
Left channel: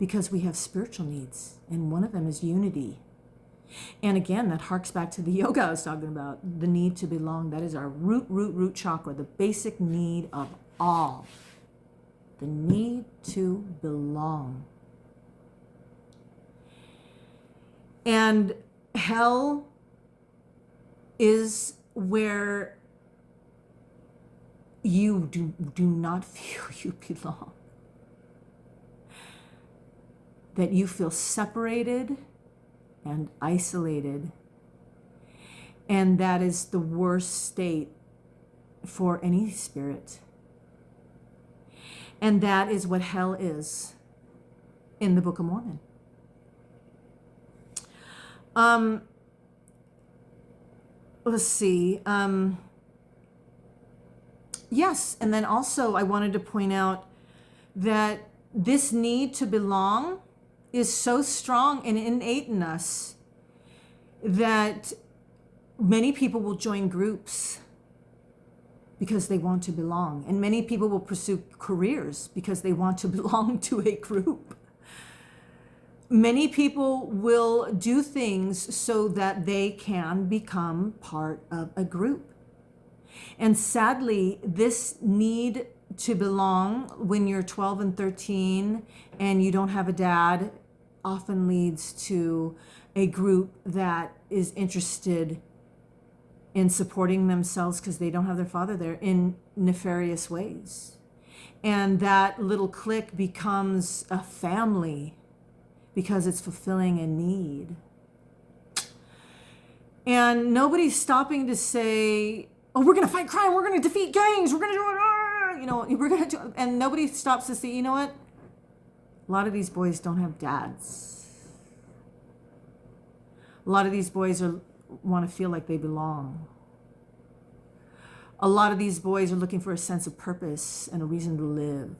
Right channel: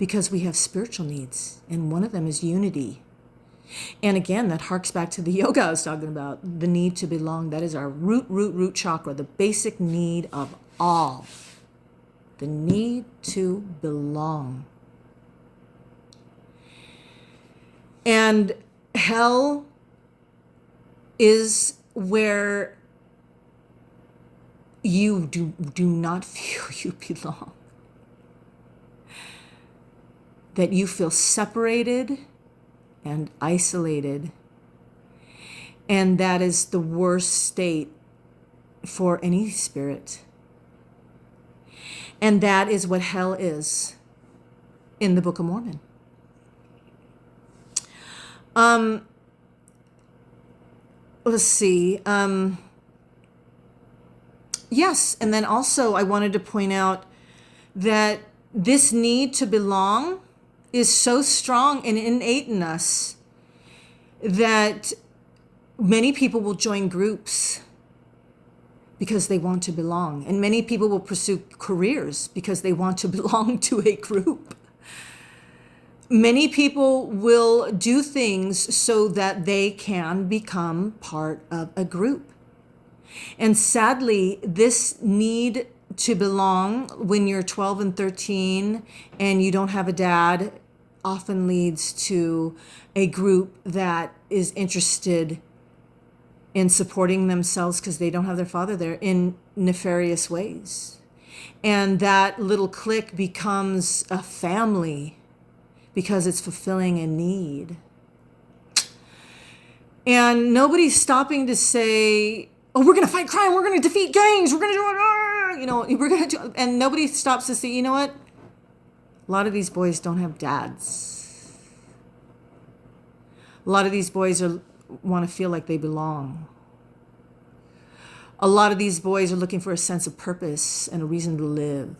Because we have spiritual needs, and one of them is unity. And again, that harks back to the yoga I was talking about, the need to belong. That is our root chakra, the basic need of all. The need to belong. And hell is where you do not feel you belong. That you feel separated and isolated. And that is the worst state for any spirit. And that is what hell is in the Book of Mormon. Let's see. Yes, and then also I wanted to point out that this need to belong is so strong and innate in us that many people will join groups because they want to belong. And many people will pursue careers because they want to belong to a group. Many people will do things so that they can become part of a group. And sadly, this need to belong when you're 12 and 13 and you don't have a dad often leads to a group that is interested in supporting themselves because they don't have their father there in nefarious ways. And that little clique becomes a family because it's fulfilling a need. And nobody's stopping to say, oh, we're going to fight crime, we're going to defeat gangs, we're going to do it, we're going to do, and nobody stops to say, you know what? A lot of these boys don't have dads. A lot of these boys want to feel like they belong. A lot of these boys are looking for a sense of purpose and a reason to live.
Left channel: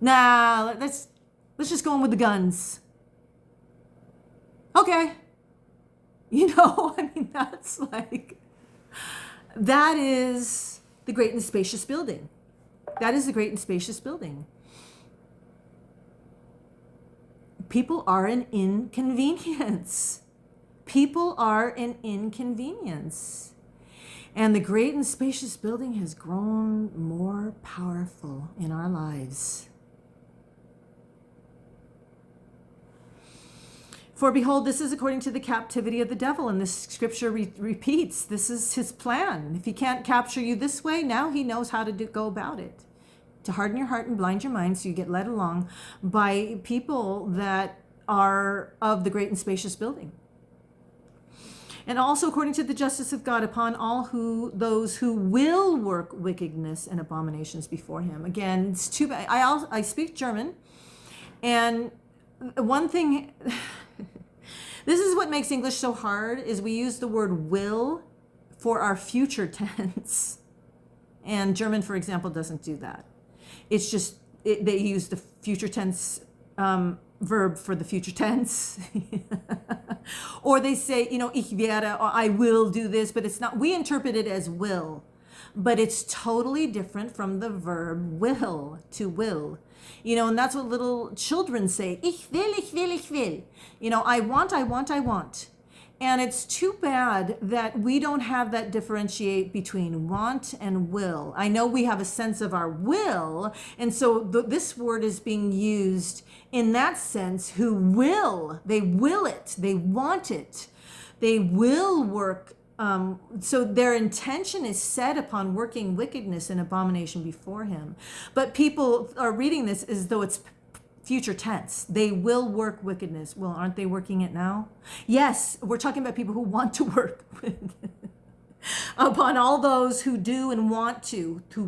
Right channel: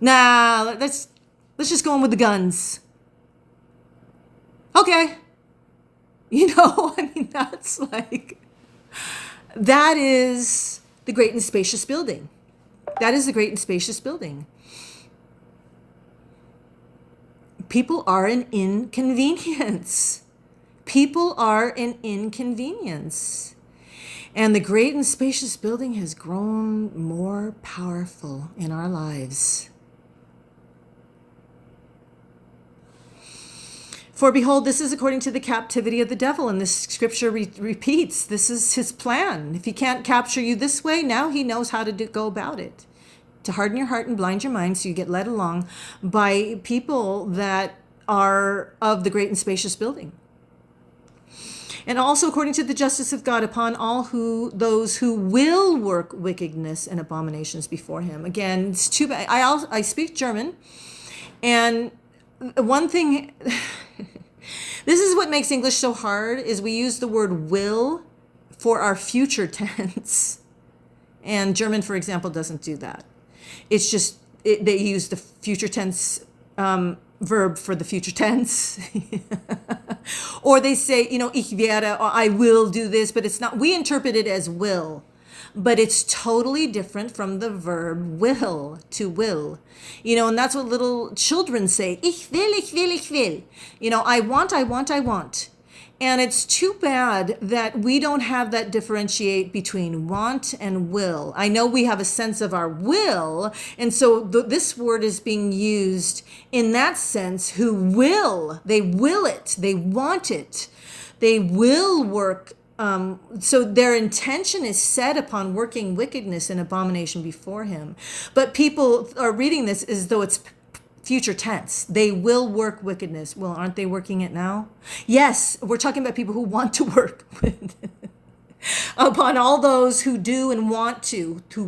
Nah, let's just go in with the guns. Okay. That's that is the great and spacious building. That is the great and spacious building. People are an inconvenience. People are an inconvenience. And the great and spacious building has grown more powerful in our lives. For behold, this is according to the captivity of the devil. And this scripture repeats, this is his plan. If he can't capture you this way, now he knows how to go about it. To harden your heart and blind your mind so you get led along by people that are of the great and spacious building. And also according to the justice of God upon all those who will work wickedness and abominations before him. Again, it's too bad. I speak German, and one thing, this is what makes English so hard, is we use the word will for our future tense. And German, for example, doesn't do that. It's just, they use the future tense verb for the future tense. Or they say, ich werde, or I will do this, but it's not, we interpret it as will. But it's totally different from the verb will, to will. And that's what little children say. Ich will, ich will, ich will. I want, I want, I want. And it's too bad that we don't have that differentiate between want and will. I know we have a sense of our will, and so this word is being used in that sense, who will, they will it, they want it, they will work. So their intention is set upon working wickedness and abomination before him. But people are reading this as though it's future tense. They will work wickedness. Well, aren't they working it now? Yes, we're talking about people who want to work upon all those who do and want to, who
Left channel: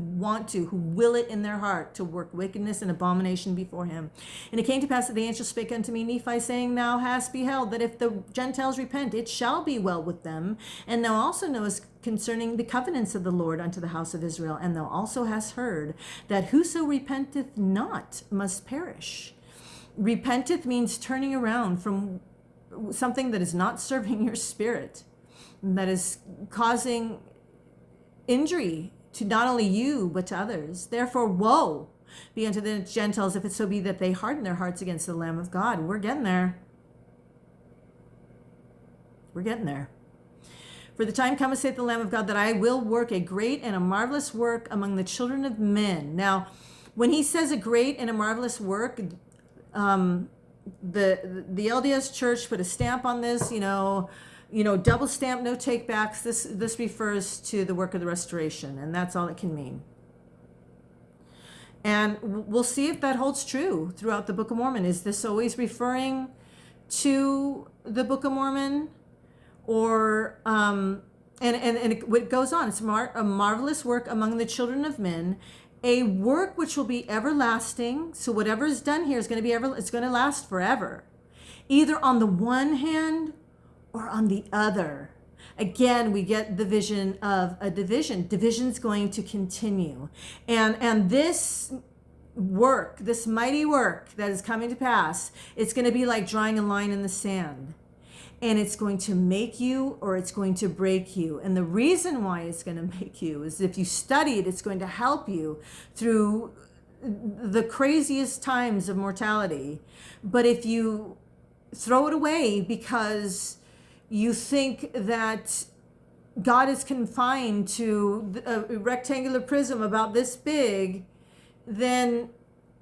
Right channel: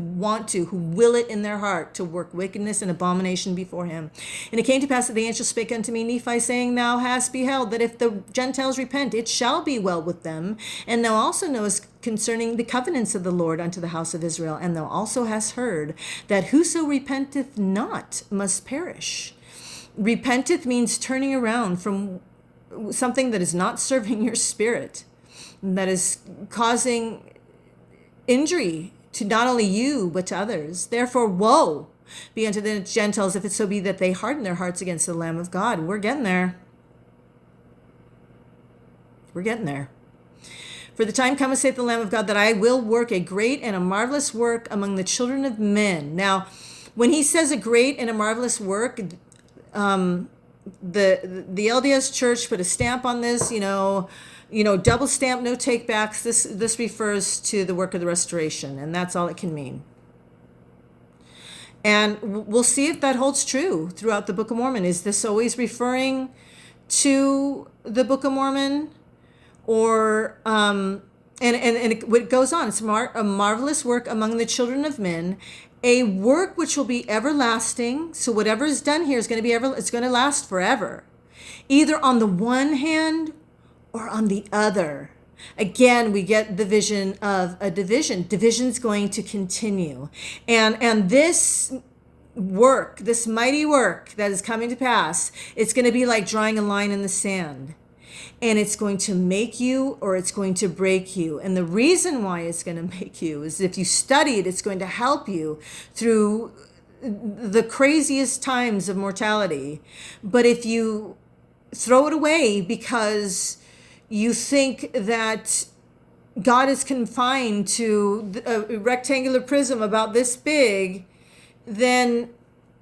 will it in their heart to work wickedness and abomination before him. And it came to pass that the angel spake unto me, Nephi, saying, Thou hast beheld that if the Gentiles repent, it shall be well with them. And thou also knowest concerning the covenants of the Lord unto the house of Israel. And thou also hast heard that whoso repenteth not must perish. Repenteth means turning around from something that is not serving your spirit, that is causing injury to not only you, but to others. Therefore, woe be unto the Gentiles, if it so be that they harden their hearts against the Lamb of God. We're getting there. We're getting there. For the time cometh, saith the Lamb of God, that I will work a great and a marvelous work among the children of men. Now, when he says a great and a marvelous work, the LDS Church put a stamp on this, double stamp, no take backs. This refers to the work of the restoration, and that's all it can mean. And we'll see if that holds true throughout the Book of Mormon. Is this always referring to the Book of Mormon? Or, and it goes on, it's a marvelous work among the children of men, a work which will be everlasting. So whatever is done here is going to be it's going to last forever, either on the one hand or on the other. Again, we get the vision of a division. Division's going to continue. And this work, this mighty work that is coming to pass, it's going to be like drawing a line in the sand. And it's going to make you or it's going to break you. And the reason why it's going to make you is if you study it, it's going to help you through the craziest times of mortality. But if you throw it away because you think that God is confined to a rectangular prism about this big, then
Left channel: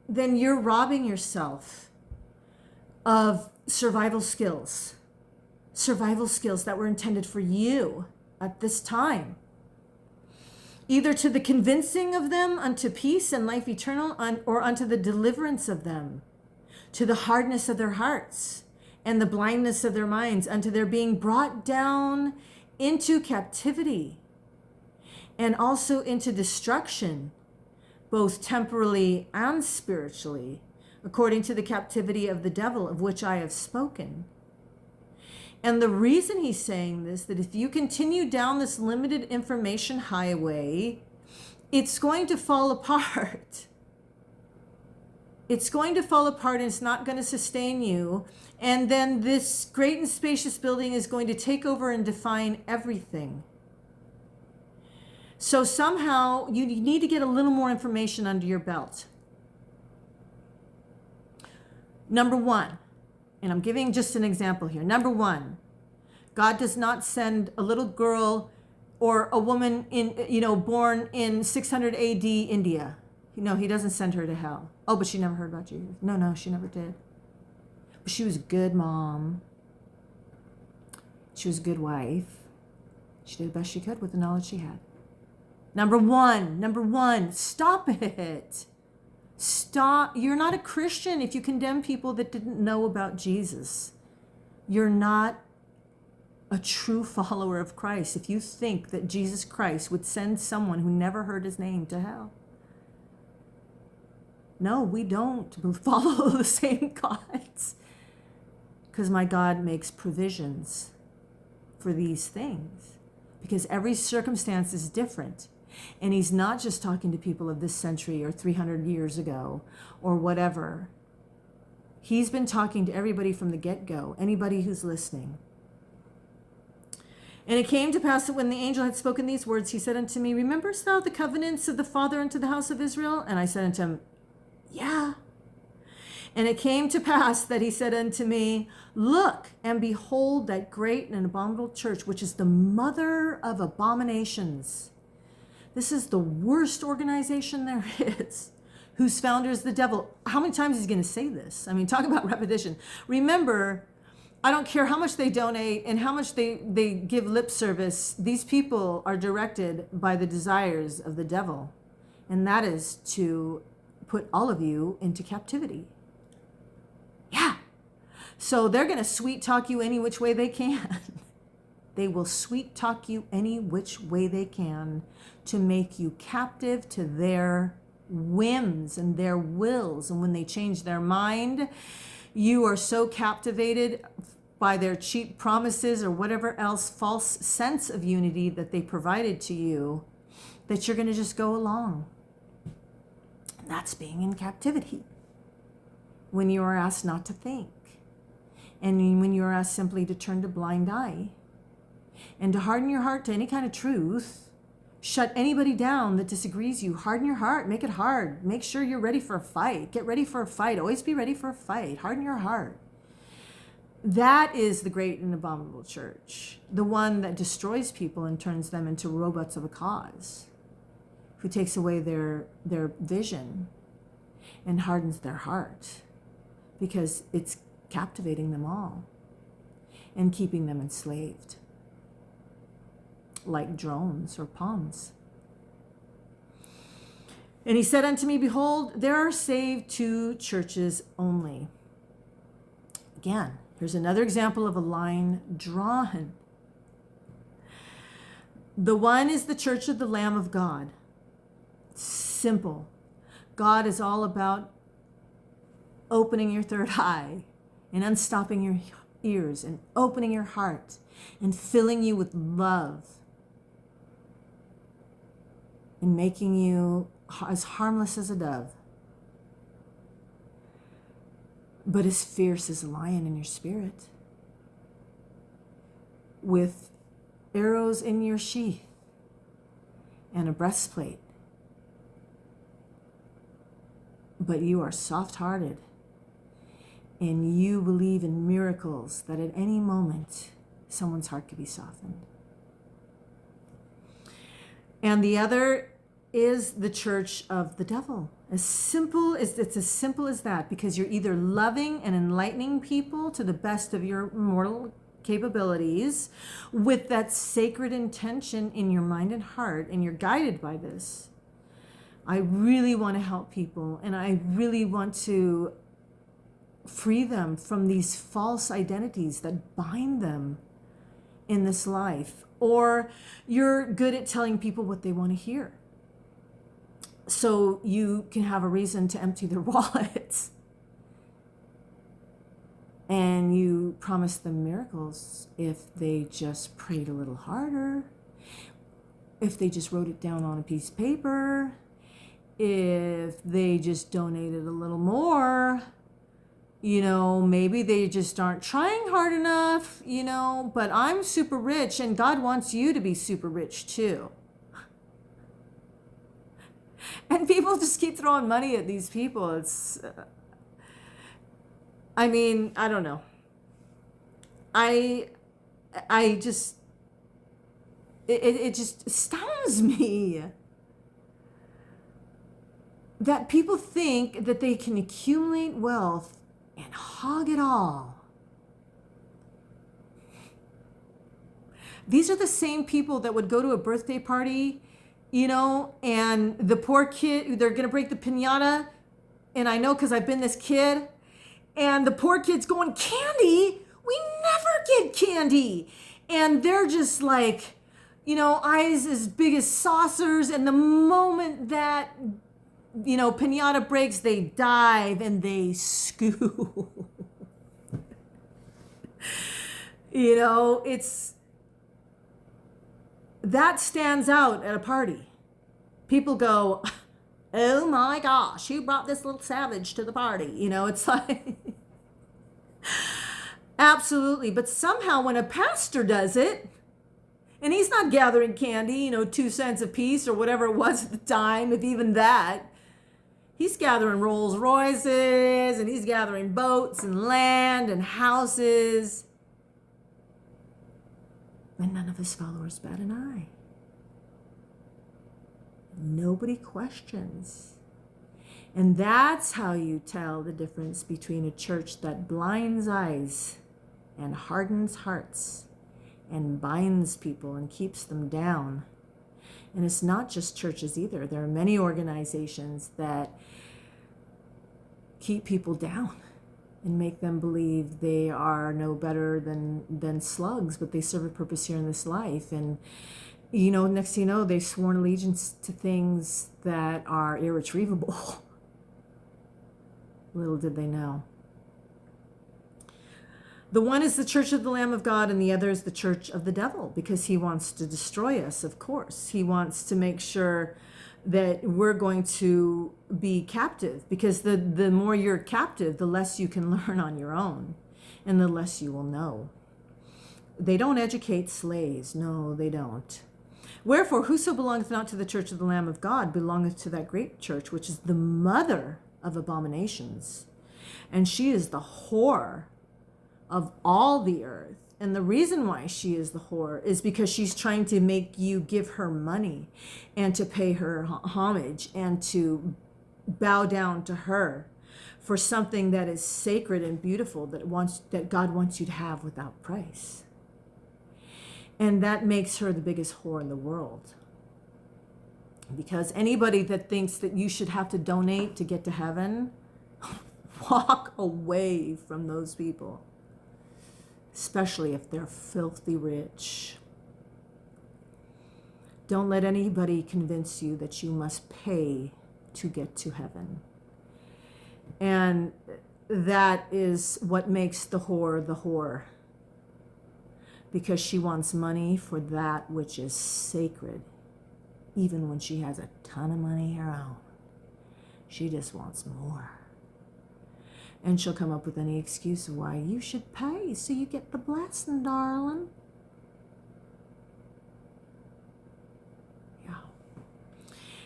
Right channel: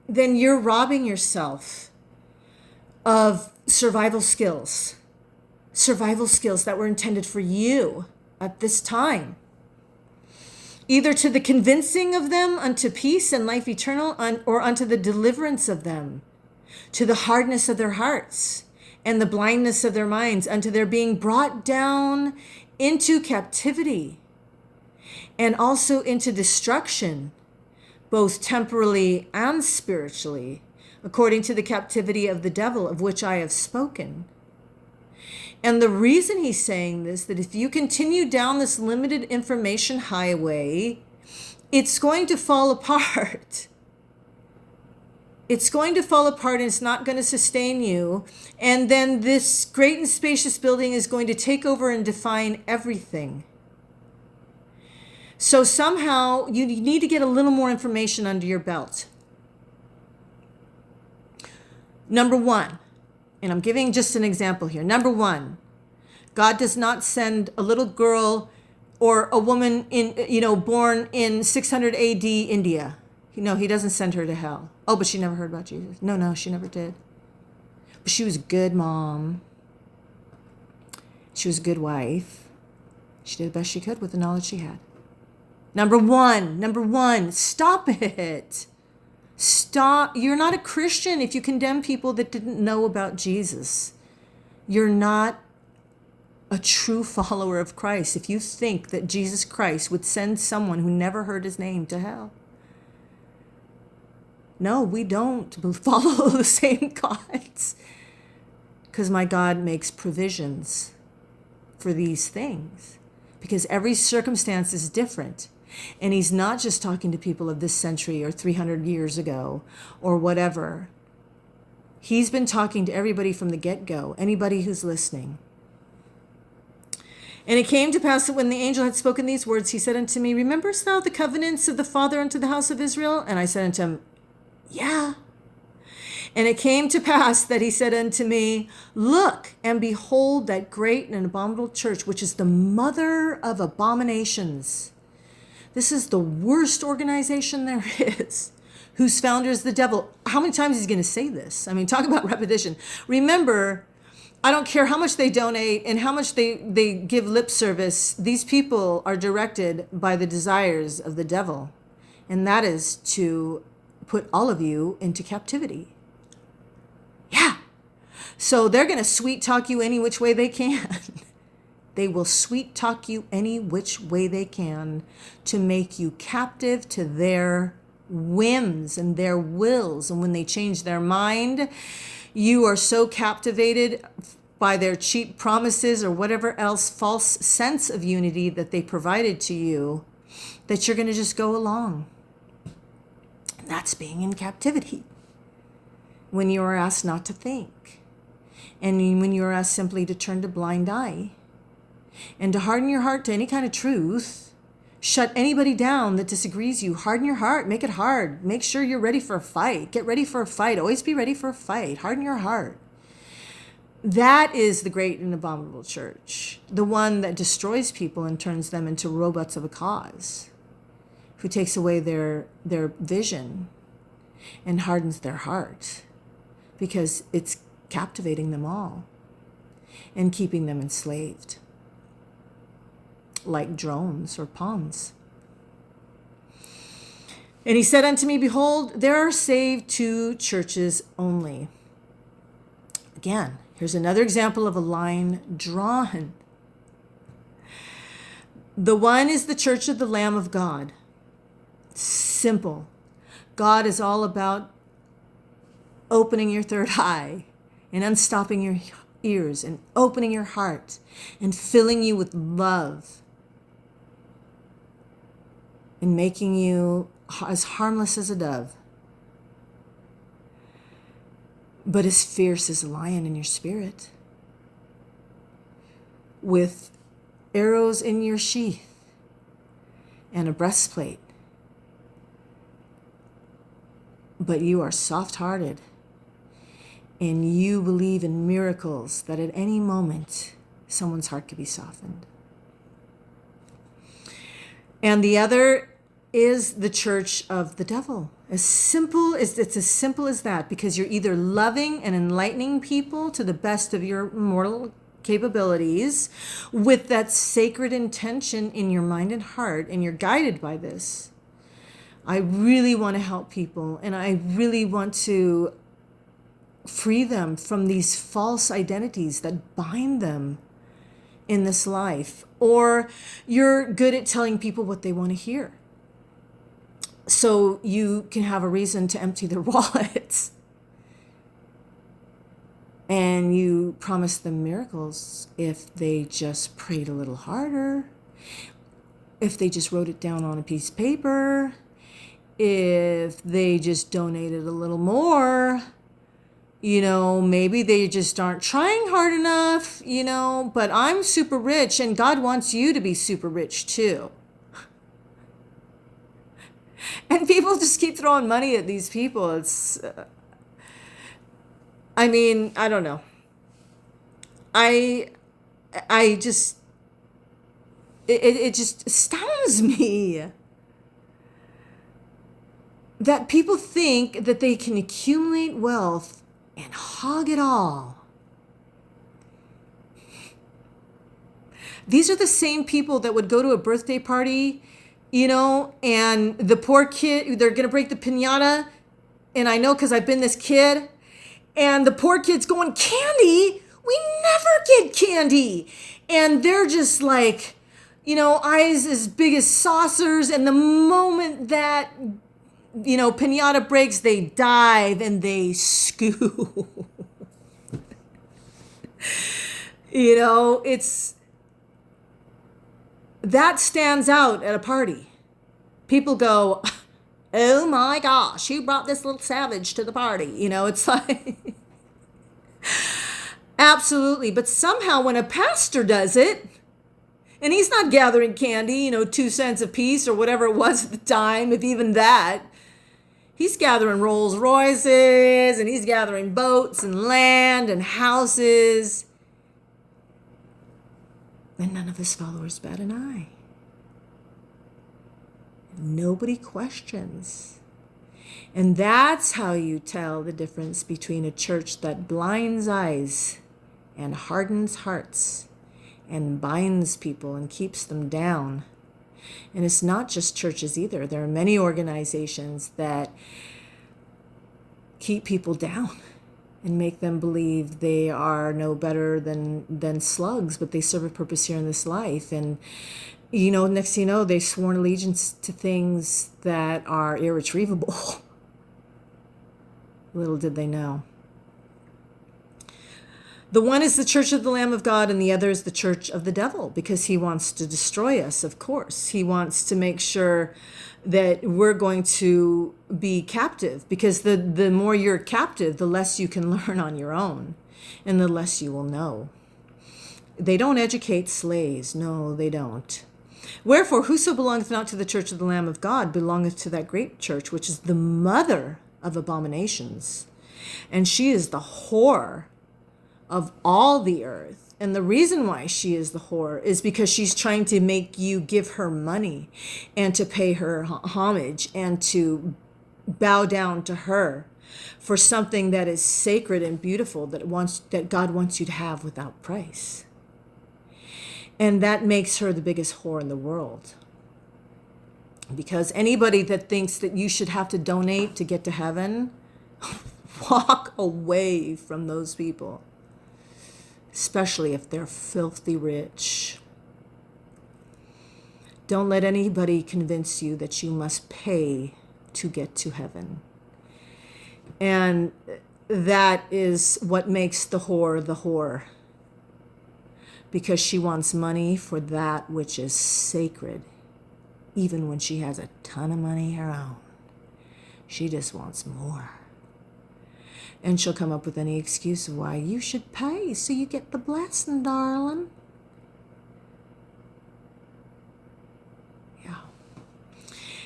you're robbing yourself of survival skills. survival skills that were intended for you at this time, either to the convincing of them unto peace and life eternal, or unto the deliverance of them, to the hardness of their hearts and the blindness of their minds, unto their being brought down into captivity, and also into destruction, both temporally and spiritually, according to the captivity of the devil, of which I have spoken. And the reason he's saying this, that if you continue down this limited information highway, it's going to fall apart. It's going to fall apart, and it's not going to sustain you. And then this great and spacious building is going to take over and define everything. So somehow you need to get a little more information under your belt. Number one, and I'm giving just an example here. Number one, God does not send a little girl or a woman born in 600 AD India. No, he doesn't send her to hell. Oh, but she never heard about Jesus. No, she never did. But she was a good mom. She was a good wife. She did the best she could with the knowledge she had. Number one, stop it. Stop. You're not a Christian if you condemn people that didn't know about Jesus. You're not a true follower of Christ if you think that Jesus Christ would send someone who never heard his name to hell. No, we don't follow the same gods, because my God makes provisions for these things, because every circumstance is different. And he's not just talking to people of this century or 300 years ago or whatever. He's been talking to everybody from the get-go, anybody who's listening. And it came to pass that when the angel had spoken these words, he said unto me, rememberest thou the covenants of the Father unto the house of Israel? And I said unto him, yeah. And it came to pass that he said unto me, look and behold that great and abominable church, which is the mother of abominations. This is the worst organization there is, whose founder is the devil. How many times is he going to say this? I mean, talk about repetition. Remember, I don't care how much they donate and how much they give lip service. These people are directed by the desires of the devil. And that is to put all of you into captivity. Yeah. So they're going to sweet talk you any which way they can. They will sweet talk you any which way they can to make you captive to their whims and their wills. And when they change their mind, you are so captivated by their cheap promises or whatever else false sense of unity that they provided to you, that you're going to just go along. That's being in captivity. When you are asked not to think, and when you are asked simply to turn a blind eye, and to harden your heart to any kind of truth, shut anybody down that disagrees you. Harden your heart, make it hard. Make sure you're ready for a fight. Get ready for a fight. Always be ready for a fight. Harden your heart. That is the great and abominable church, the one that destroys people and turns them into robots of a cause, who takes away their vision and hardens their heart, because it's captivating them all and keeping them enslaved, like drones or pawns. And he said unto me, behold, there are saved 2 churches only. Again, here's another example of a line drawn. The one is the church of the Lamb of God. Simple. God is all about opening your third eye and unstopping your ears and opening your heart and filling you with love and making you as harmless as a dove, but as fierce as a lion in your spirit, with arrows in your sheath and a breastplate. But you are soft-hearted, and you believe in miracles, that at any moment someone's heart could be softened. And the other is the church of the devil. It's as simple as that, because you're either loving and enlightening people to the best of your mortal capabilities with that sacred intention in your mind and heart, and you're guided by this. I really want to help people, and I really want to free them from these false identities that bind them in this life. Or you're good at telling people what they want to hear, so you can have a reason to empty their wallets. And you promise them miracles if they just prayed a little harder, if they just wrote it down on a piece of paper, if they just donated a little more. Maybe they just aren't trying hard enough, but I'm super rich, and God wants you to be super rich too. And people just keep throwing money at these people. It's, I don't know. I just, it just astounds me that people think that they can accumulate wealth and hog it all. These are the same people that would go to a birthday party, and the poor kid, they're going to break the piñata. And I know because I've been this kid. And the poor kid's going, candy? We never get candy. And they're just like, eyes as big as saucers. And the moment that, piñata breaks, they dive and they scoop. It's, that stands out at a party. People go, oh my gosh, who brought this little savage to the party? It's like, absolutely. But somehow when a pastor does it, and he's not gathering candy, 2 cents a piece or whatever it was at the time, if even that, he's gathering Rolls Royces, and he's gathering boats and land and houses. And none of his followers bat an eye. Nobody questions. And that's how you tell the difference between a church that blinds eyes and hardens hearts and binds people and keeps them down. And it's not just churches either. There are many organizations that keep people down and make them believe they are no better than slugs, but they serve a purpose here in this life. And next thing you know, they've sworn allegiance to things that are irretrievable. Little did they know. The one is the church of the Lamb of God, and the other is the church of the devil, because he wants to destroy us, of course. He wants to make sure that we're going to be captive, because the more you're captive, the less you can learn on your own, and the less you will know. They don't educate slaves. No, they don't. Wherefore, whoso belongeth not to the church of the Lamb of God belongeth to that great church, which is the mother of abominations. And she is the whore of all the earth. And the reason why she is the whore is because she's trying to make you give her money and to pay her homage and to bow down to her for something that is sacred and beautiful that God wants you to have without price. And that makes her the biggest whore in the world. Because anybody that thinks that you should have to donate to get to heaven, walk away from those people. Especially if they're filthy rich. Don't let anybody convince you that you must pay to get to heaven. And that is what makes the whore. Because she wants money for that which is sacred. Even when she has a ton of money her own. She just wants more. And she'll come up with any excuse of why you should pay so you get the blessing, darling. Yeah.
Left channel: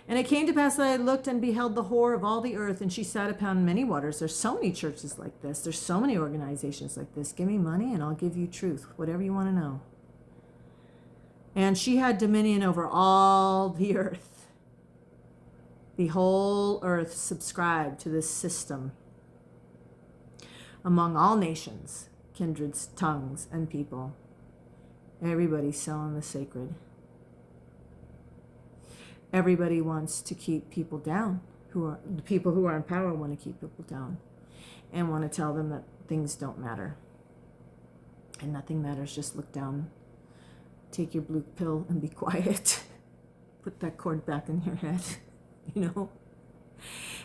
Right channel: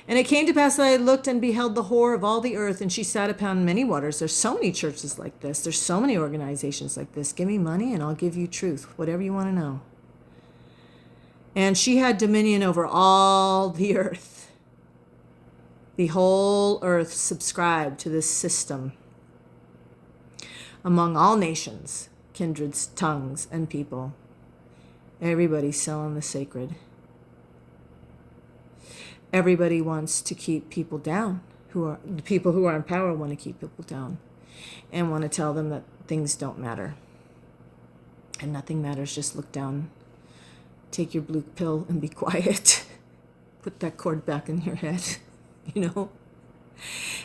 And it came to pass that I looked and beheld the whore of all the earth, and she sat upon many waters. There's so many churches like this. There's so many organizations like this. Give me money and I'll give you truth, whatever you want to know. And she had dominion over all the earth. The whole earth subscribed to this system among all nations. kindreds, tongues, and people. Everybody's selling the sacred. Everybody wants to keep people down. The people who are in power want to keep people down and want to tell them that things don't matter. And nothing matters. Just look down. Take your blue pill and be quiet. Put that cord back in your head,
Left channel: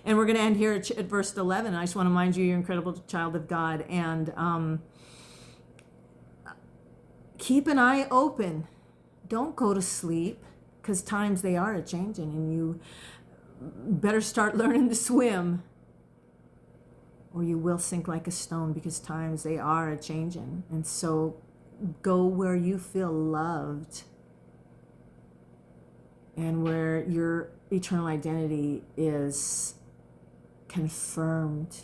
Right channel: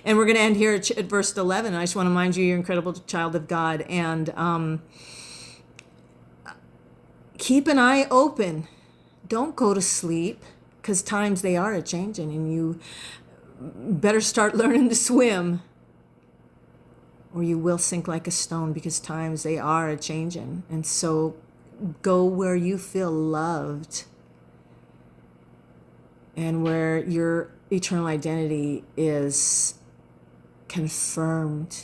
And we're going to end here at verse 11. I just want to remind you, you're an incredible child of God. And keep an eye open. Don't go to sleep, because times they are a-changing, and you better start learning to swim, or you will sink like a stone, because times they are a-changing. And so go where you feel loved and where your eternal identity is confirmed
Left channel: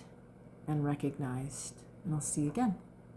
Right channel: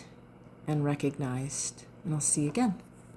and recognized. And I'll see you again.